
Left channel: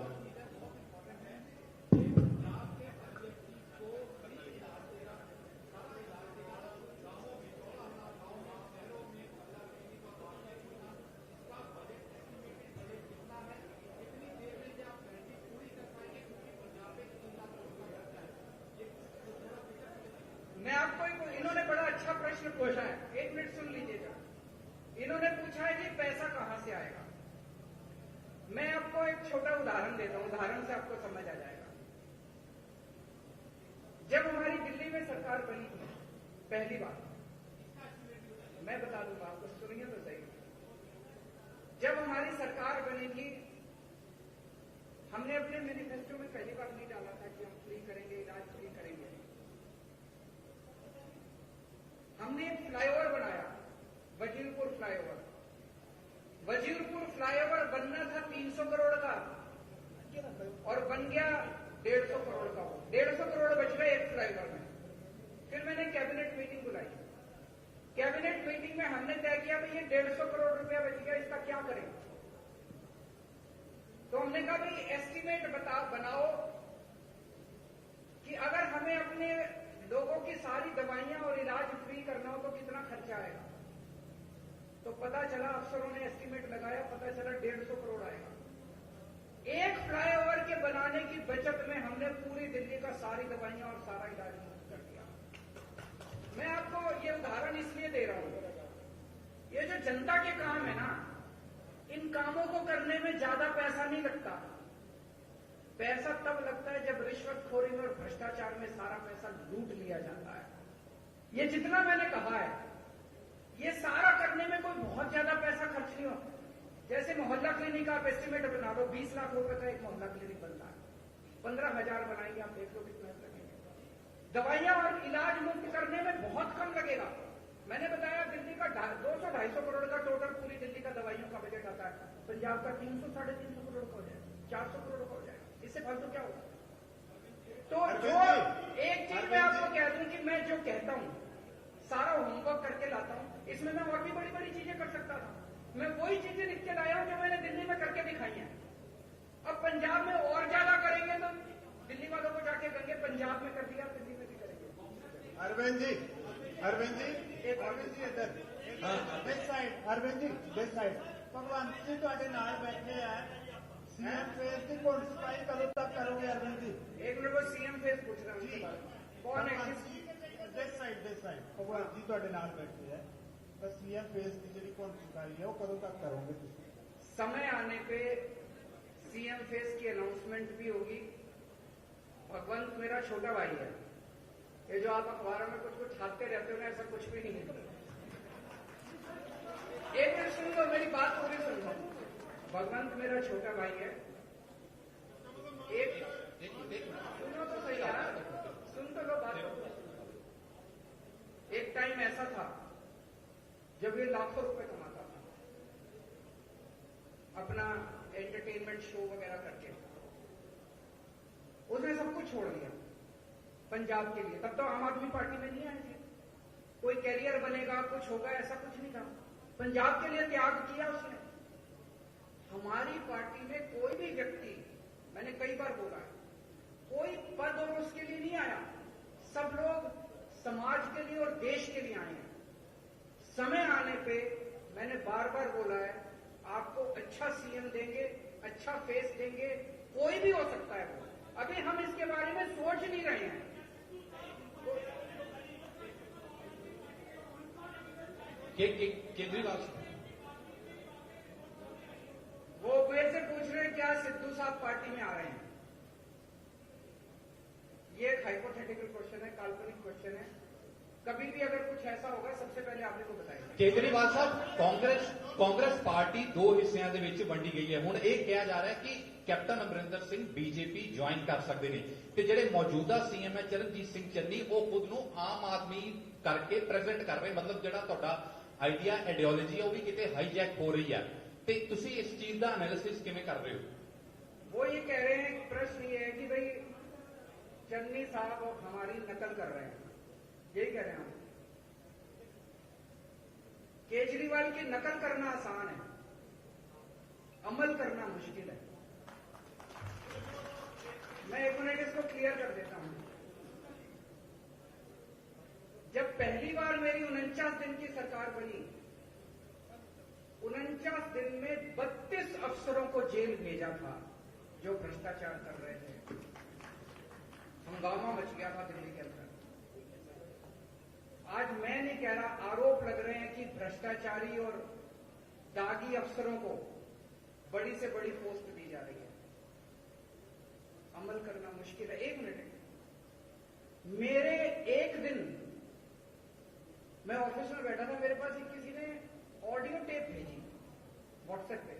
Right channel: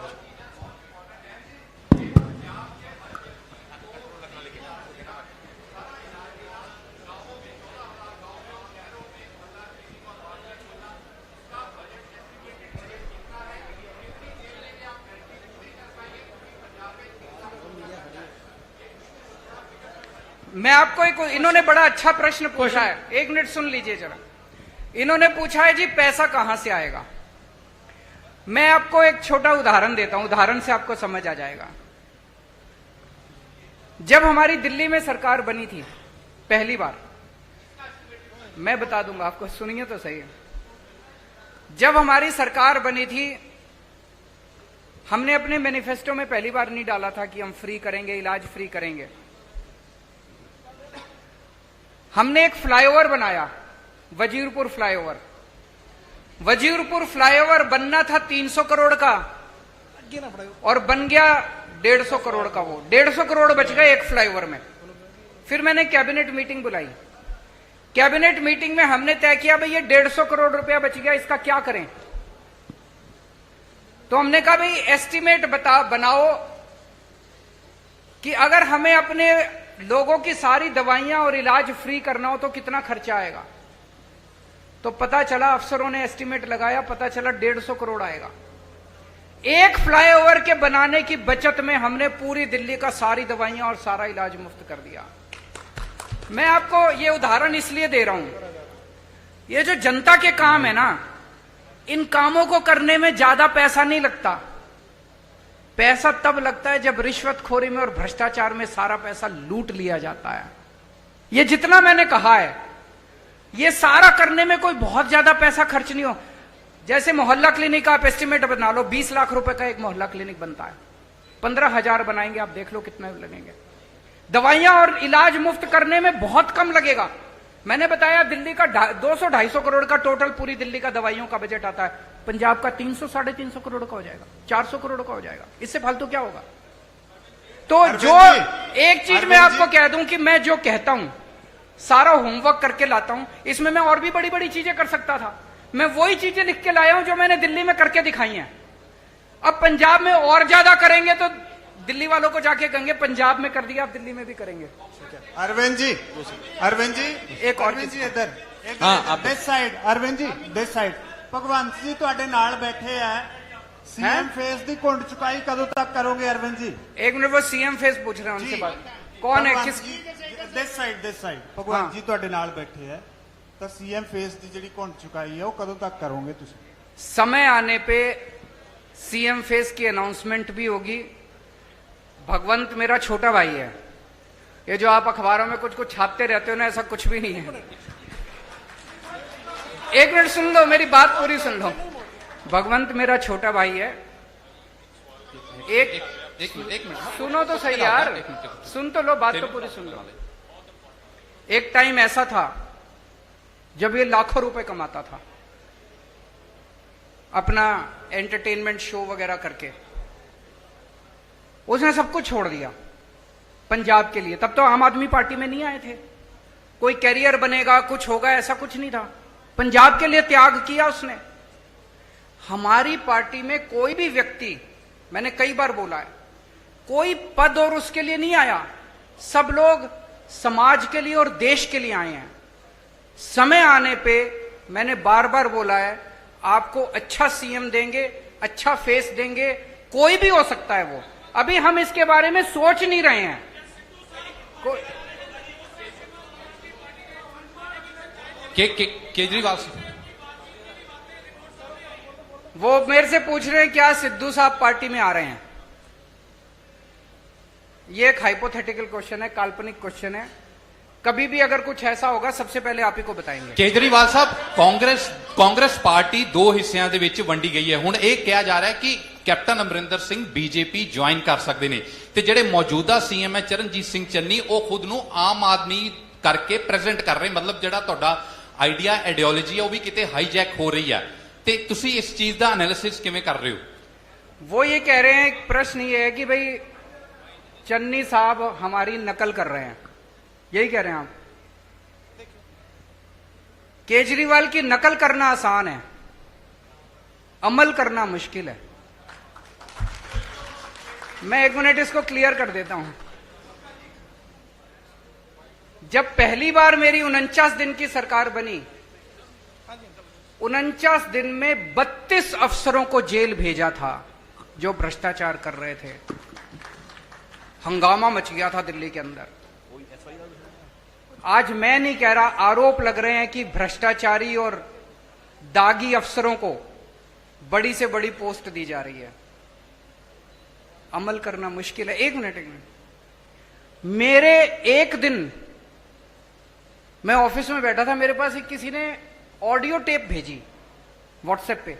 मैं आपको इन्होंने बड़ा अच्छा प्रश्न पूछा है, 1 मिनट सुन लीजिए जरा। इन्होंने पूछा है जी पैसा कहां से आएगा। मैं आपको एक छोटा उदाहरण देता हूं, उदाहरण से आपको समझ आ जाएगा। जब हमारी दिल्ली में सरकार बनी थी पहली बार, मैं बता दूंगा आपको, सुनिए तो सही। जब हमारी सरकार बनी थी, हमने अपने मैनिफेस्टो में पहली बार नहीं डाला था कि हम फ्री करेंगे, इलाज फ्री करेंगे। हमने एक फ्लाईओवर बनाया, वजीरपुर फ्लाईओवर। वजीरपुर फ्लाईओवर बनना था 300 करोड़ का और बन गया 150 करोड़ का। वो 150 करोड़ बच गए एक फ्लाईओवर में। फिर मैंने कैबिनेट मीटिंग बुलाई। कैबिनेट मीटिंग में हमने तय किया भाई ये 150 करोड़ रुपया बच गया, इसका क्या करें। तो हमने कहा भाई एस्टीमेट बनाओ कि अगर हमें अपने लोगों की सारी दवाइयां और इलाज फ्री करना हो तो कितना खर्चा आएगा। तो पता चला, अफसरों ने एस्टीमेट लगाया, पता चला 150 करोड़ आएगा। एक फ्लाईओवर के बनाने की बचत में हमने पूरी दिल्ली का सारी दवाइयां और सारा इलाज मुफ्त कर दिया। मैं आपको ये उदाहरण इसलिए दे रहा हूं, ये जो जनता के काम है ना, इन कामों को करने में ज्यादा पैसा नहीं लगता। पैसा तब लगता है जब रिश्वतखोरी में और भ्रष्टाचार में सारा पैसा लूट लिया जाता है। ये जितना मैंने कहा है, ये सारा करने में कोई बहुत ज्यादा पैसा खर्च नहीं हो। जैसे मोहल्ला क्लिनिक आप एस्टिमेट बना लो, 20 लाख रुपए का एक मोहल्ला क्लिनिक बनता है, 15,000 बनाएंगे, आप देख लो कितने लगेंगे। दवाइयां और इलाज मुफ्त करने में बहुत कम लगेगा। मैंने बताया दिल्ली का 200-250 करोड़ का टोटल पूरी दिल्ली का दवाइयों का बजट आता है, पंजाब का 300-350 करोड़ का हो जाएगा, 400 करोड़ का हो जाएगा। इससे फालतू क्या होगा। तो जो एक चीज मैं आपको कह दूं कि मैं जो कहता हूं सारा होमवर्क करके लाता हूं, इसमें मैं और भी बड़ी बड़ी चीजें कर सकता था। मैं वही चीजें लिख के लाया हूं जो मैंने दिल्ली में करके दिखाई हैं। अब पंजाब में और ज्यादा करेंगे तो दिल्ली वालों को जाके कहेंगे पंजाब में कर दिया, आप दिल्ली में भी करेंगे। अरविंद जी, अरविंद जी, एक और अरविंद जी इधर, हाँ, this side, Arvind ji this side. Bhagwant ji ਤੁਹਾਡੇ ਨਾਲ बैठे हैं, सीएम फेस की घुंड चुकाई कदों तक करोगे अरविंद जी। एक मिनट, वो सीएम फेस पूछ रहे हैं उनसे बात। कौन है, किस दिस साइड भगवंत जी ਤੁਹਾਡੇ ਨਾਲ बैठे हैं, तो सीएम फेस की ਜਿਹੜੀ घुंड चुकाई है वो कदों तक करोगे तुम। समय आने पे सीएम फेस की अनाउंसमेंट भी होगी। भगवंत मेरा छोटा भाई है। ये जो आप अखबारों में कुछ कुछ छापते रहते हो ना, ऐसा कुछ भी नहीं है। एक मिनट सुन लो, मेरी बात पूरी सुन लो। भगवंत मेरा छोटा भाई है। एक मिनट सुनो तो सही यार, सुन तो लो, बात तो पूरी सुन लो। एक टाइम ऐसा था जब ये लाखों रुपए कमाता था अपना एंटरटेनमेंट शो वगैरह करके। उसने सब कुछ छोड़ दिया पंजाब के लिए। तब तो आम आदमी पार्टी में नहीं आए थे। कोई कैरियर बनेगा, कुछ होगा, ऐसा कुछ नहीं था। पंजाब के लिए त्याग किया उसने। हमारी पार्टी में कोई भी व्यक्ति, मैंने कई बार बोला है, कोई पद और उसके लिए नहीं आया। सब लोग समाज के लिए और देश के लिए आए हैं। समय आने पे मैंने बार बार बोला है, आपको अच्छा सीएम देंगे, अच्छा फेस देंगे, कोई भी हो सकता है वो। अभी हम इसके बारे में सोच नहीं रहे हैं। केजरीवाल से वो मेरे से पूछ रहे हैं क्या सिद्धू साहब पार्टी में आ रहे हैं। ये एक हाइपोथेटिकल क्वेश्चन है, काल्पनिक क्वेश्चन है। कभी भी अगर कुछ ऐसा होगा सबसे पहले आप ही को बताएंगे। केजरीवाल साहब कांग्रेस पार्टी दो हिस्सिਆਂ ਦੇ ਵਿੱਚ ਵੰਡੀ ਗਈ ਹੈ। ਹੁਣ ਇਹ ਕਿਹਾ ਜਾ ਰਿਹਾ ਹੈ ਕਿ captain Amarinder Singh BJP join ਕਰ ਸਕਦੇ ਨੇ ਤੇ ਜਿਹੜੇ ਮੌਜੂਦਾ ਸੀਐਮ ਹੈ ਚਰਨਜੀਤ ਸਿੰਘ ਚੰਨੀ ਉਹ ਖੁਦ ਨੂੰ ਆਮ ਆਦਮੀ ਕਰਕੇ ਪ੍ਰੈਜ਼ੈਂਟ ਕਰ ਰਹੇ, ਮਤਲਬ ਜਿਹੜਾ ਤੁਹਾਡਾ ਆਈਡੀਆ ਆਈਡੀਓਲੋਜੀ ਹੈ ਉਹ ਵੀ ਕਿਤੇ ਹਾਈਜੈਕ ਹੋ ਰਹੀ ਹੈ ਤੇ ਤੁਸੀਂ ਇਸ ਚੀਜ਼ ਦਾ ਐਨਾਲਿਸਿਸ ਕਿਵੇਂ ਕਰ ਰਹੇ ਹੋ? वो ये कह रहे हैं, प्रश्न ये है कि भाई चन्नी साहब हमारी नकल कर रहे हैं, यही कह रहे हैं आप? केजरीवाल की नकल करना आसान है, अमल करना मुश्किल है। मैं 1 मिनट इसको क्लियर कर देता हूं। जब पहली बार मेरी 49 दिन की सरकार बनी, 49 दिन में 32 अफसरों को जेल भेजा था जो भ्रष्टाचार कर रहे थे। हंगामा मच गया था दिल्ली के अंदर। आज मैं नहीं कह रहा, आरोप लग रहे हैं कि भ्रष्टाचारी और दागी अफसरों को बड़ी से बड़ी पोस्ट दी जा रही है। अमल करना मुश्किल है। एक मिनट मेरे एक दिन मैं ऑफिस में बैठा था, मेरे पास एक किसी ने ऑडियो टेप भेजी व्हाट्सएप पे।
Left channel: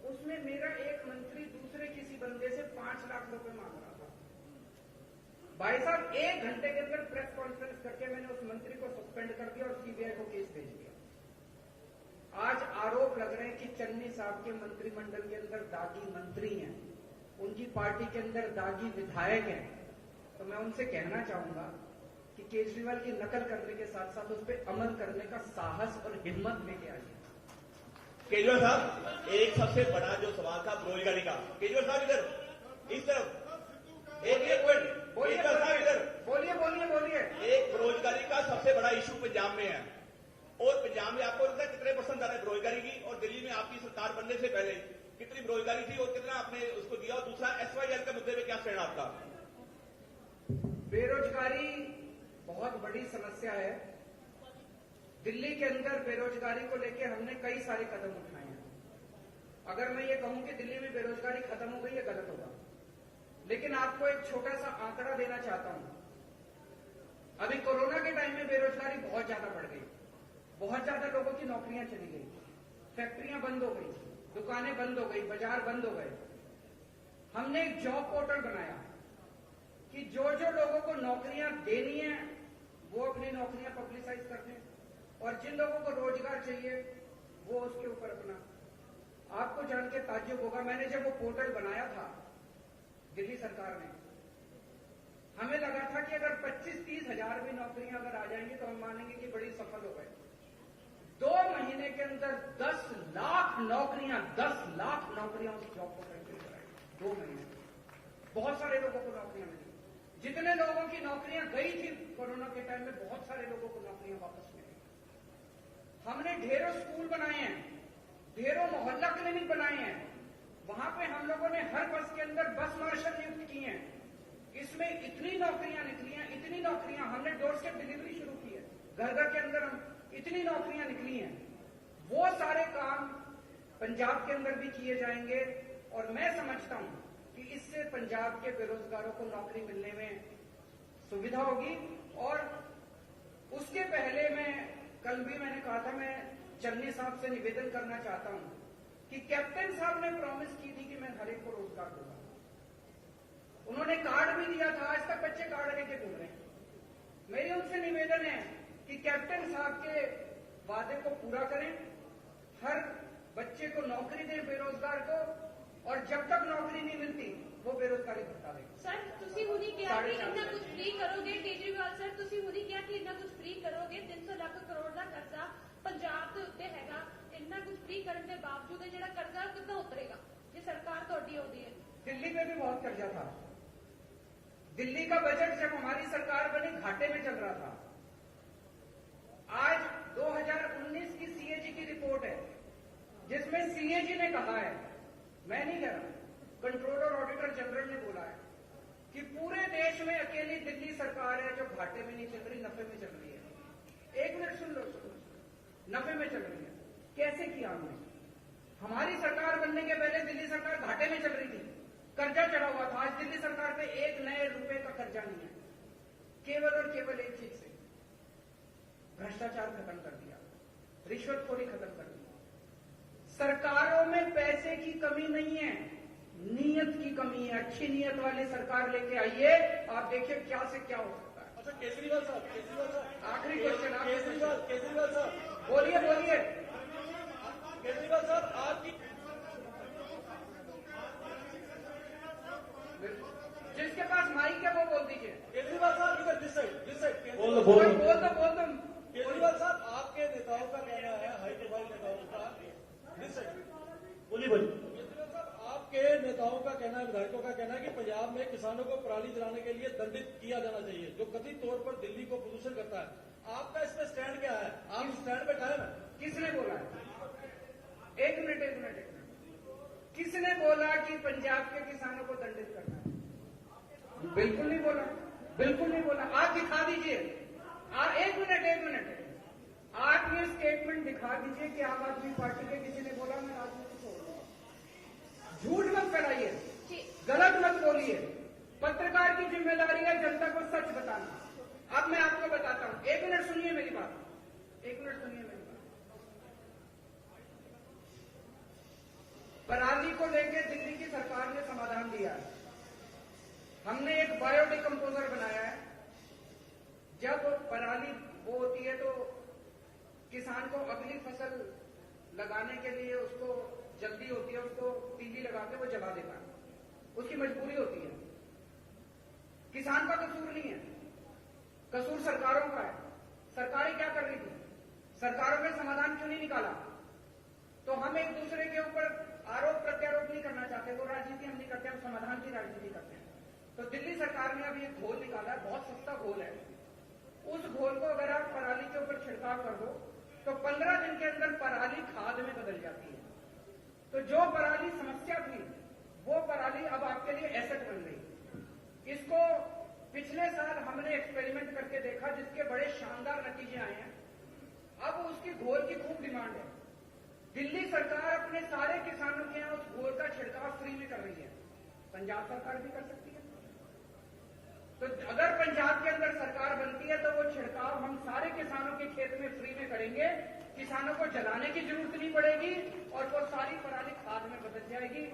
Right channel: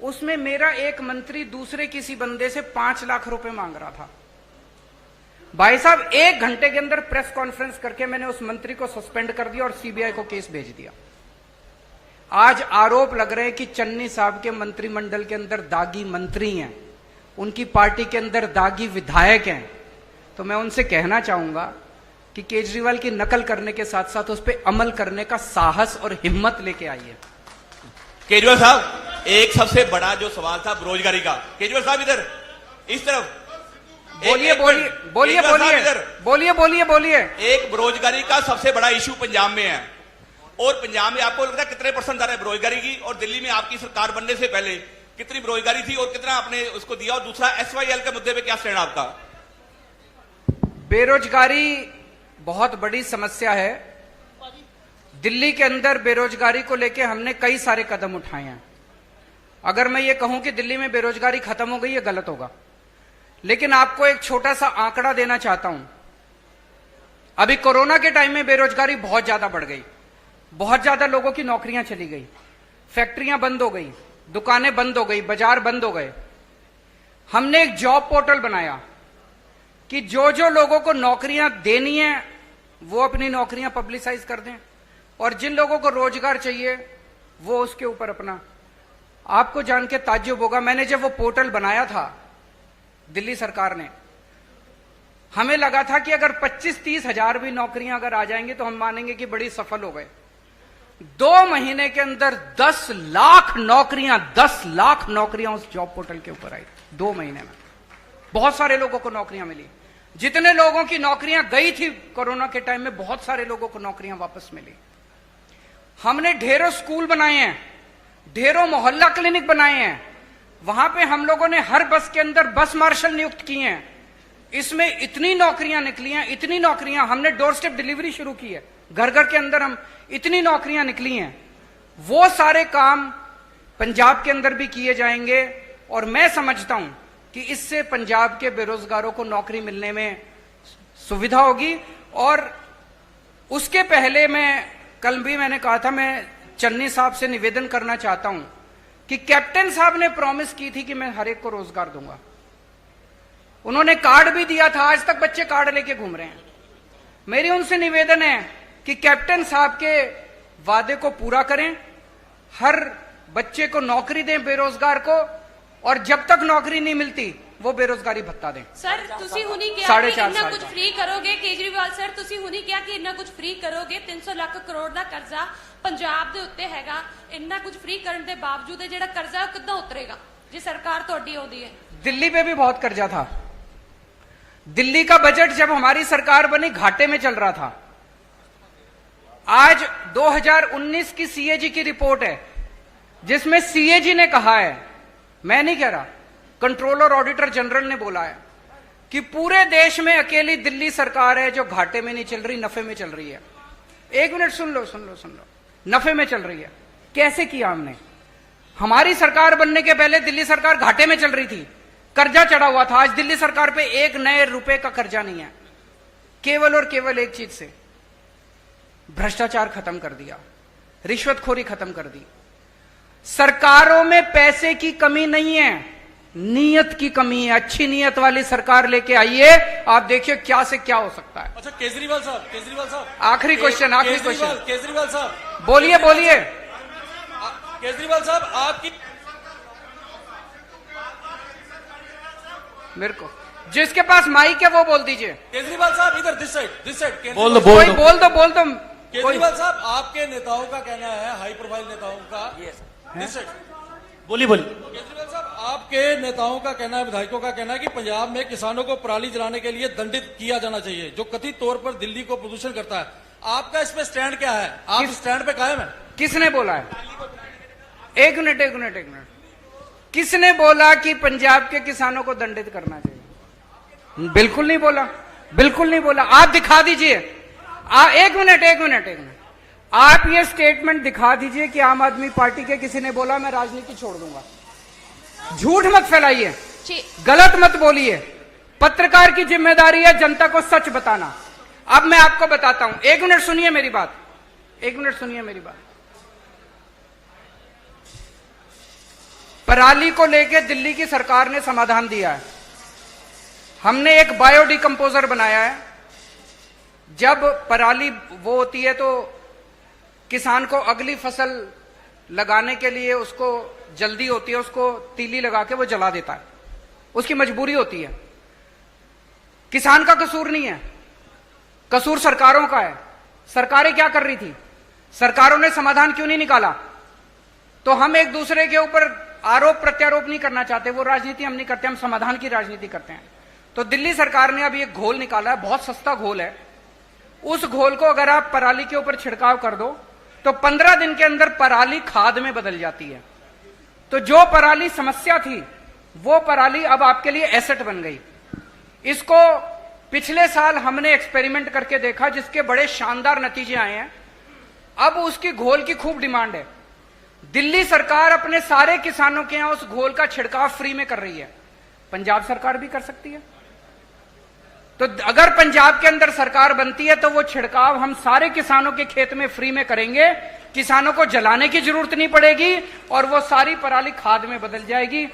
उसमें मेरा एक मंत्री दूसरे किसी बंदे से 5 लाख रुपए मांग रहा था। भाई साहब 1 घंटे के अंदर प्रेस कॉन्फ्रेंस करके मैंने उस मंत्री को सस्पेंड कर दिया और सीबीआई को केस भेज दिया। आज आरोप लग रहे हैं कि चन्नी साहब के मंत्रिमंडल के अंदर दागी मंत्री हैं, उनकी पार्टी के अंदर दागी विधायक हैं। तो मैं उनसे कहना चाहूंगा कि केजरीवाल की नकल करने के साथ साथ उस पर अमल करने का साहस और हिम्मत लेके आइए। केजरीवाल साहब, एक सबसे बड़ा जो सवाल था बेरोजगारी का, केजरीवाल साहब इधर इस तरफ बोलिए बोलिए बोलिए बोलिए बोलिए बोलिए बोलिए। एक बेरोजगारी का सबसे बड़ा इशू पंजाब में है, और पंजाब में आपको लगता है कितने % दर है बेरोजगारी की? और दिल्ली में आपकी सरकार बनने से पहले कितनी बेरोजगारी थी और कितना आपने उसको दिया? और दूसरा SYL के मुद्दे पे क्या स्टैंड आपका? बेरोजगारी बहुत बड़ी समस्या है। दिल्ली के अंदर बेरोजगारी को लेकर हमने कई सारे कदम उठाए हैं। अगर मैं ये कहूं कि दिल्ली में बेरोजगारी खत्म हो गई, ये गलत होगा। लेकिन आपको एक छोटा सा आंकड़ा देना चाहता हूं। अभी कोरोना के टाइम में बेरोजगारी बहुत ज्यादा बढ़ गई, बहुत ज्यादा लोगों की नौकरियां चली गई, फैक्ट्रियां बंद हो गई, दुकानें बंद हो गई, बाजार बंद हो गए। हमने एक जॉब पोर्टल बनाया कि जो जो लोगों को नौकरियां देनी है वो अपनी नौकरियां पब्लिसाइज कर दें, और जिन लोगों को रोजगार चाहिए वो उसके ऊपर अपना। आपको जान के ताज्जुब होगा, मैंने जब वो पोर्टल बनाया था दिल्ली सरकार ने, हमें लगा था कि अगर 25-30 हजार भी नौकरियां अगर आ जाएंगी तो हम मानेंगे कि बड़ी सफल हो गए। 2 महीने के अंदर 10 लाख नौकरियां उस जॉब पोर्टल के ऊपर आई। 2 महीने में बहुत सारे लोगों को नौकरियां मिली। जितने लोगों की नौकरियां गई थी कोरोना के टाइम में, बहुत सारे लोगों को नौकरियां वापस मिली। हमने ढेरों स्कूल बनाए हैं, ढेरों मोहल्ला क्लिनिक बनाए हैं। वहां पे हम लोगों ने हर बस के अंदर बस मार्शल नियुक्त किए हैं। इसमें इतनी नौकरियां निकली हैं, इतनी नौकरियां। हमने डोर स्टेप डिलीवरी शुरू की है, घर घर के अंदर हम इतनी नौकरियां निकली हैं। वो सारे काम पंजाब के अंदर भी किए जाएंगे, और मैं समझता हूं कि इससे पंजाब के बेरोजगारों को नौकरी मिलने में सुविधा होगी। और उसके पहले कल भी मैंने कहा था, मैं चन्नी साहब से निवेदन करना चाहता हूं कि कैप्टन साहब ने प्रॉमिस की थी कि मैं हर एक को रोजगार दूंगा। उन्होंने कार्ड भी दिया था, आज तक बच्चे कार्ड लेके घूम रहे हैं। मेरी उनसे निवेदन है कि कैप्टन साहब के वादे को पूरा करें, हर बच्चे को नौकरी दें बेरोजगार को, और जब तक नौकरी नहीं मिलती वो बेरोजगारी भत्ता दें। सर तुसी हुनी क्या साढ़े कि 4 इन्ना साल कुछ का। फ्री करोगे? केजरीवाल सर तुसी हुनी क्या कि इन्ना कुछ फ्री करोगे? 300 ਲੱਖ ਕਰੋੜ ਦਾ ਕਰਜ਼ਾ ਪੰਜਾਬ ਦੇ ਉੱਤੇ ਹੈਗਾ। ਇੰਨਾ ਕੁਝ फ्री ਕਰਨ ਦੇ ਬਾਵਜੂਦ ਇਹ ਜਿਹੜਾ ਕਰਜ਼ਾ ਉਹ ਕਿੱਦਾਂ ਉਤਰੇਗਾ ਜੇ ਸਰਕਾਰ ਤੁਹਾਡੀ ਆਉਂਦੀ ਹੈ? दिल्ली पे भी बहुत कर्जा था। दिल्ली का बजट जब हमारी सरकार बनी घाटे में चल रहा था। आज 2019 की सीएजी की रिपोर्ट है जिसमें सीएजी ने कहा है, मैं नहीं कह रहा, कंट्रोलर ऑडिटर जनरल ने बोला है कि पूरे देश में अकेली दिल्ली सरकार है जो घाटे में नहीं चल रही, नफे में चल रही है। 1 मिनट सुन लो। नफे में चल रही है। कैसे किया हमने? हमारी सरकार बनने के पहले दिल्ली सरकार घाटे में चल रही थी, कर्जा चढ़ा हुआ था। आज दिल्ली सरकार पे एक नए रुपए का कर्जा नहीं है। केवल और केवल एक चीज से, भ्रष्टाचार खत्म कर दिया, रिश्वतखोरी खत्म कर दी। सरकारों में पैसे की कमी नहीं है, नीयत की कमी है। अच्छी नीयत वाली सरकार लेके आइए, आप देखिए क्या से क्या हो सकता है। अच्छा केजरीवाल साहब आखिरी क्वेश्चन, आखिरी क्वेश्चन, केजरीवाल साहब बोलिए बोलिए। केजरीवाल साहब आपकी मेरे को जिसके पास माइक है वो बोल दीजिए। केजरीवाल साहब इधर दिस साइड बोल दो केजरीवाल साहब आपके नेताओं का कहना है, हाई प्रोफाइल नेताओं का, दिस साइड बोलिए केजरीवाल साहब आपके नेताओं का कहना है, विधायकों का कहना है कि पंजाब में किसानों को पराली जलाने के लिए दंडित किया जाना चाहिए, जो कथित तौर पर दिल्ली को प्रदूषण करता है। आपका इस पे स्टैंड क्या है? आप स्टैंड पे कायम है? किसने बोला है? एक मिनट। किसने बोला कि पंजाब के किसानों को दंडित करना चाहिए? बिल्कुल नहीं बोला। आप दिखा दीजिए। एक मिनट। आप ये स्टेटमेंट दिखा दीजिए कि आम आदमी पार्टी के किसी ने बोला मैं राजनीति छोड़ दूंगा। झूठ मत फैलाइए, गलत मत बोलिए। पत्रकार की जिम्मेदारी है जनता को सच बताना। अब मैं आपको बताता हूं, एक मिनट सुनिए मेरी बात। पराली को लेकर दिल्ली की सरकार ने समाधान दिया है। हमने एक बायोडिकम्पोजर बनाया है। जब पराली वो होती है तो किसान को अगली फसल लगाने के लिए उसको जल्दी होती है, उसको तीली लगा के वो जला देता है, उसकी मजबूरी होती है। किसान का कसूर नहीं है, कसूर सरकारों का है। सरकारें क्या कर रही थी? सरकारों ने समाधान क्यों नहीं निकाला? तो हम एक दूसरे के ऊपर आरोप प्रत्यारोप नहीं करना चाहते, वो राजनीति हम नहीं करते, हम समाधान की राजनीति करते हैं। तो दिल्ली सरकार ने अभी एक घोल निकाला है, बहुत सस्ता घोल है। उस घोल को अगर आप पराली के ऊपर छिड़काव कर दो तो 15 दिन के अंदर पराली खाद में बदल जाती है। तो जो पराली समस्या थी वो पराली अब आपके लिए एसेट बन गई। इसको पिछले साल हमने एक्सपेरिमेंट करके देखा, जिसके बड़े शानदार नतीजे आए हैं। अब उसकी घोल की खूब डिमांड है। दिल्ली सरकार अपने सारे किसानों के यहां उस घोल का छिड़काव फ्री में कर रही है। पंजाब सरकार भी कर सकती है। तो अगर पंजाब के अंदर सरकार बनती है तो वो छिड़काव हम सारे किसानों के खेत में फ्री में करेंगे। किसानों को जलाने की जरूरत नहीं पड़ेगी और वो सारी पराली खाद में बदल जाएगी।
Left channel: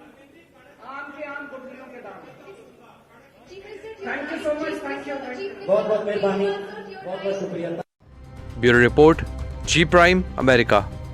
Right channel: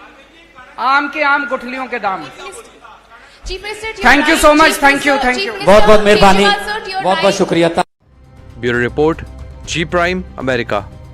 आम के आम, गुठलियों के दाम। Thank you so much. Thank you. बहुत बहुत मेहरबानी, बहुत बहुत शुक्रिया। ब्यूरो रिपोर्ट, जी प्राइम, अमेरिका।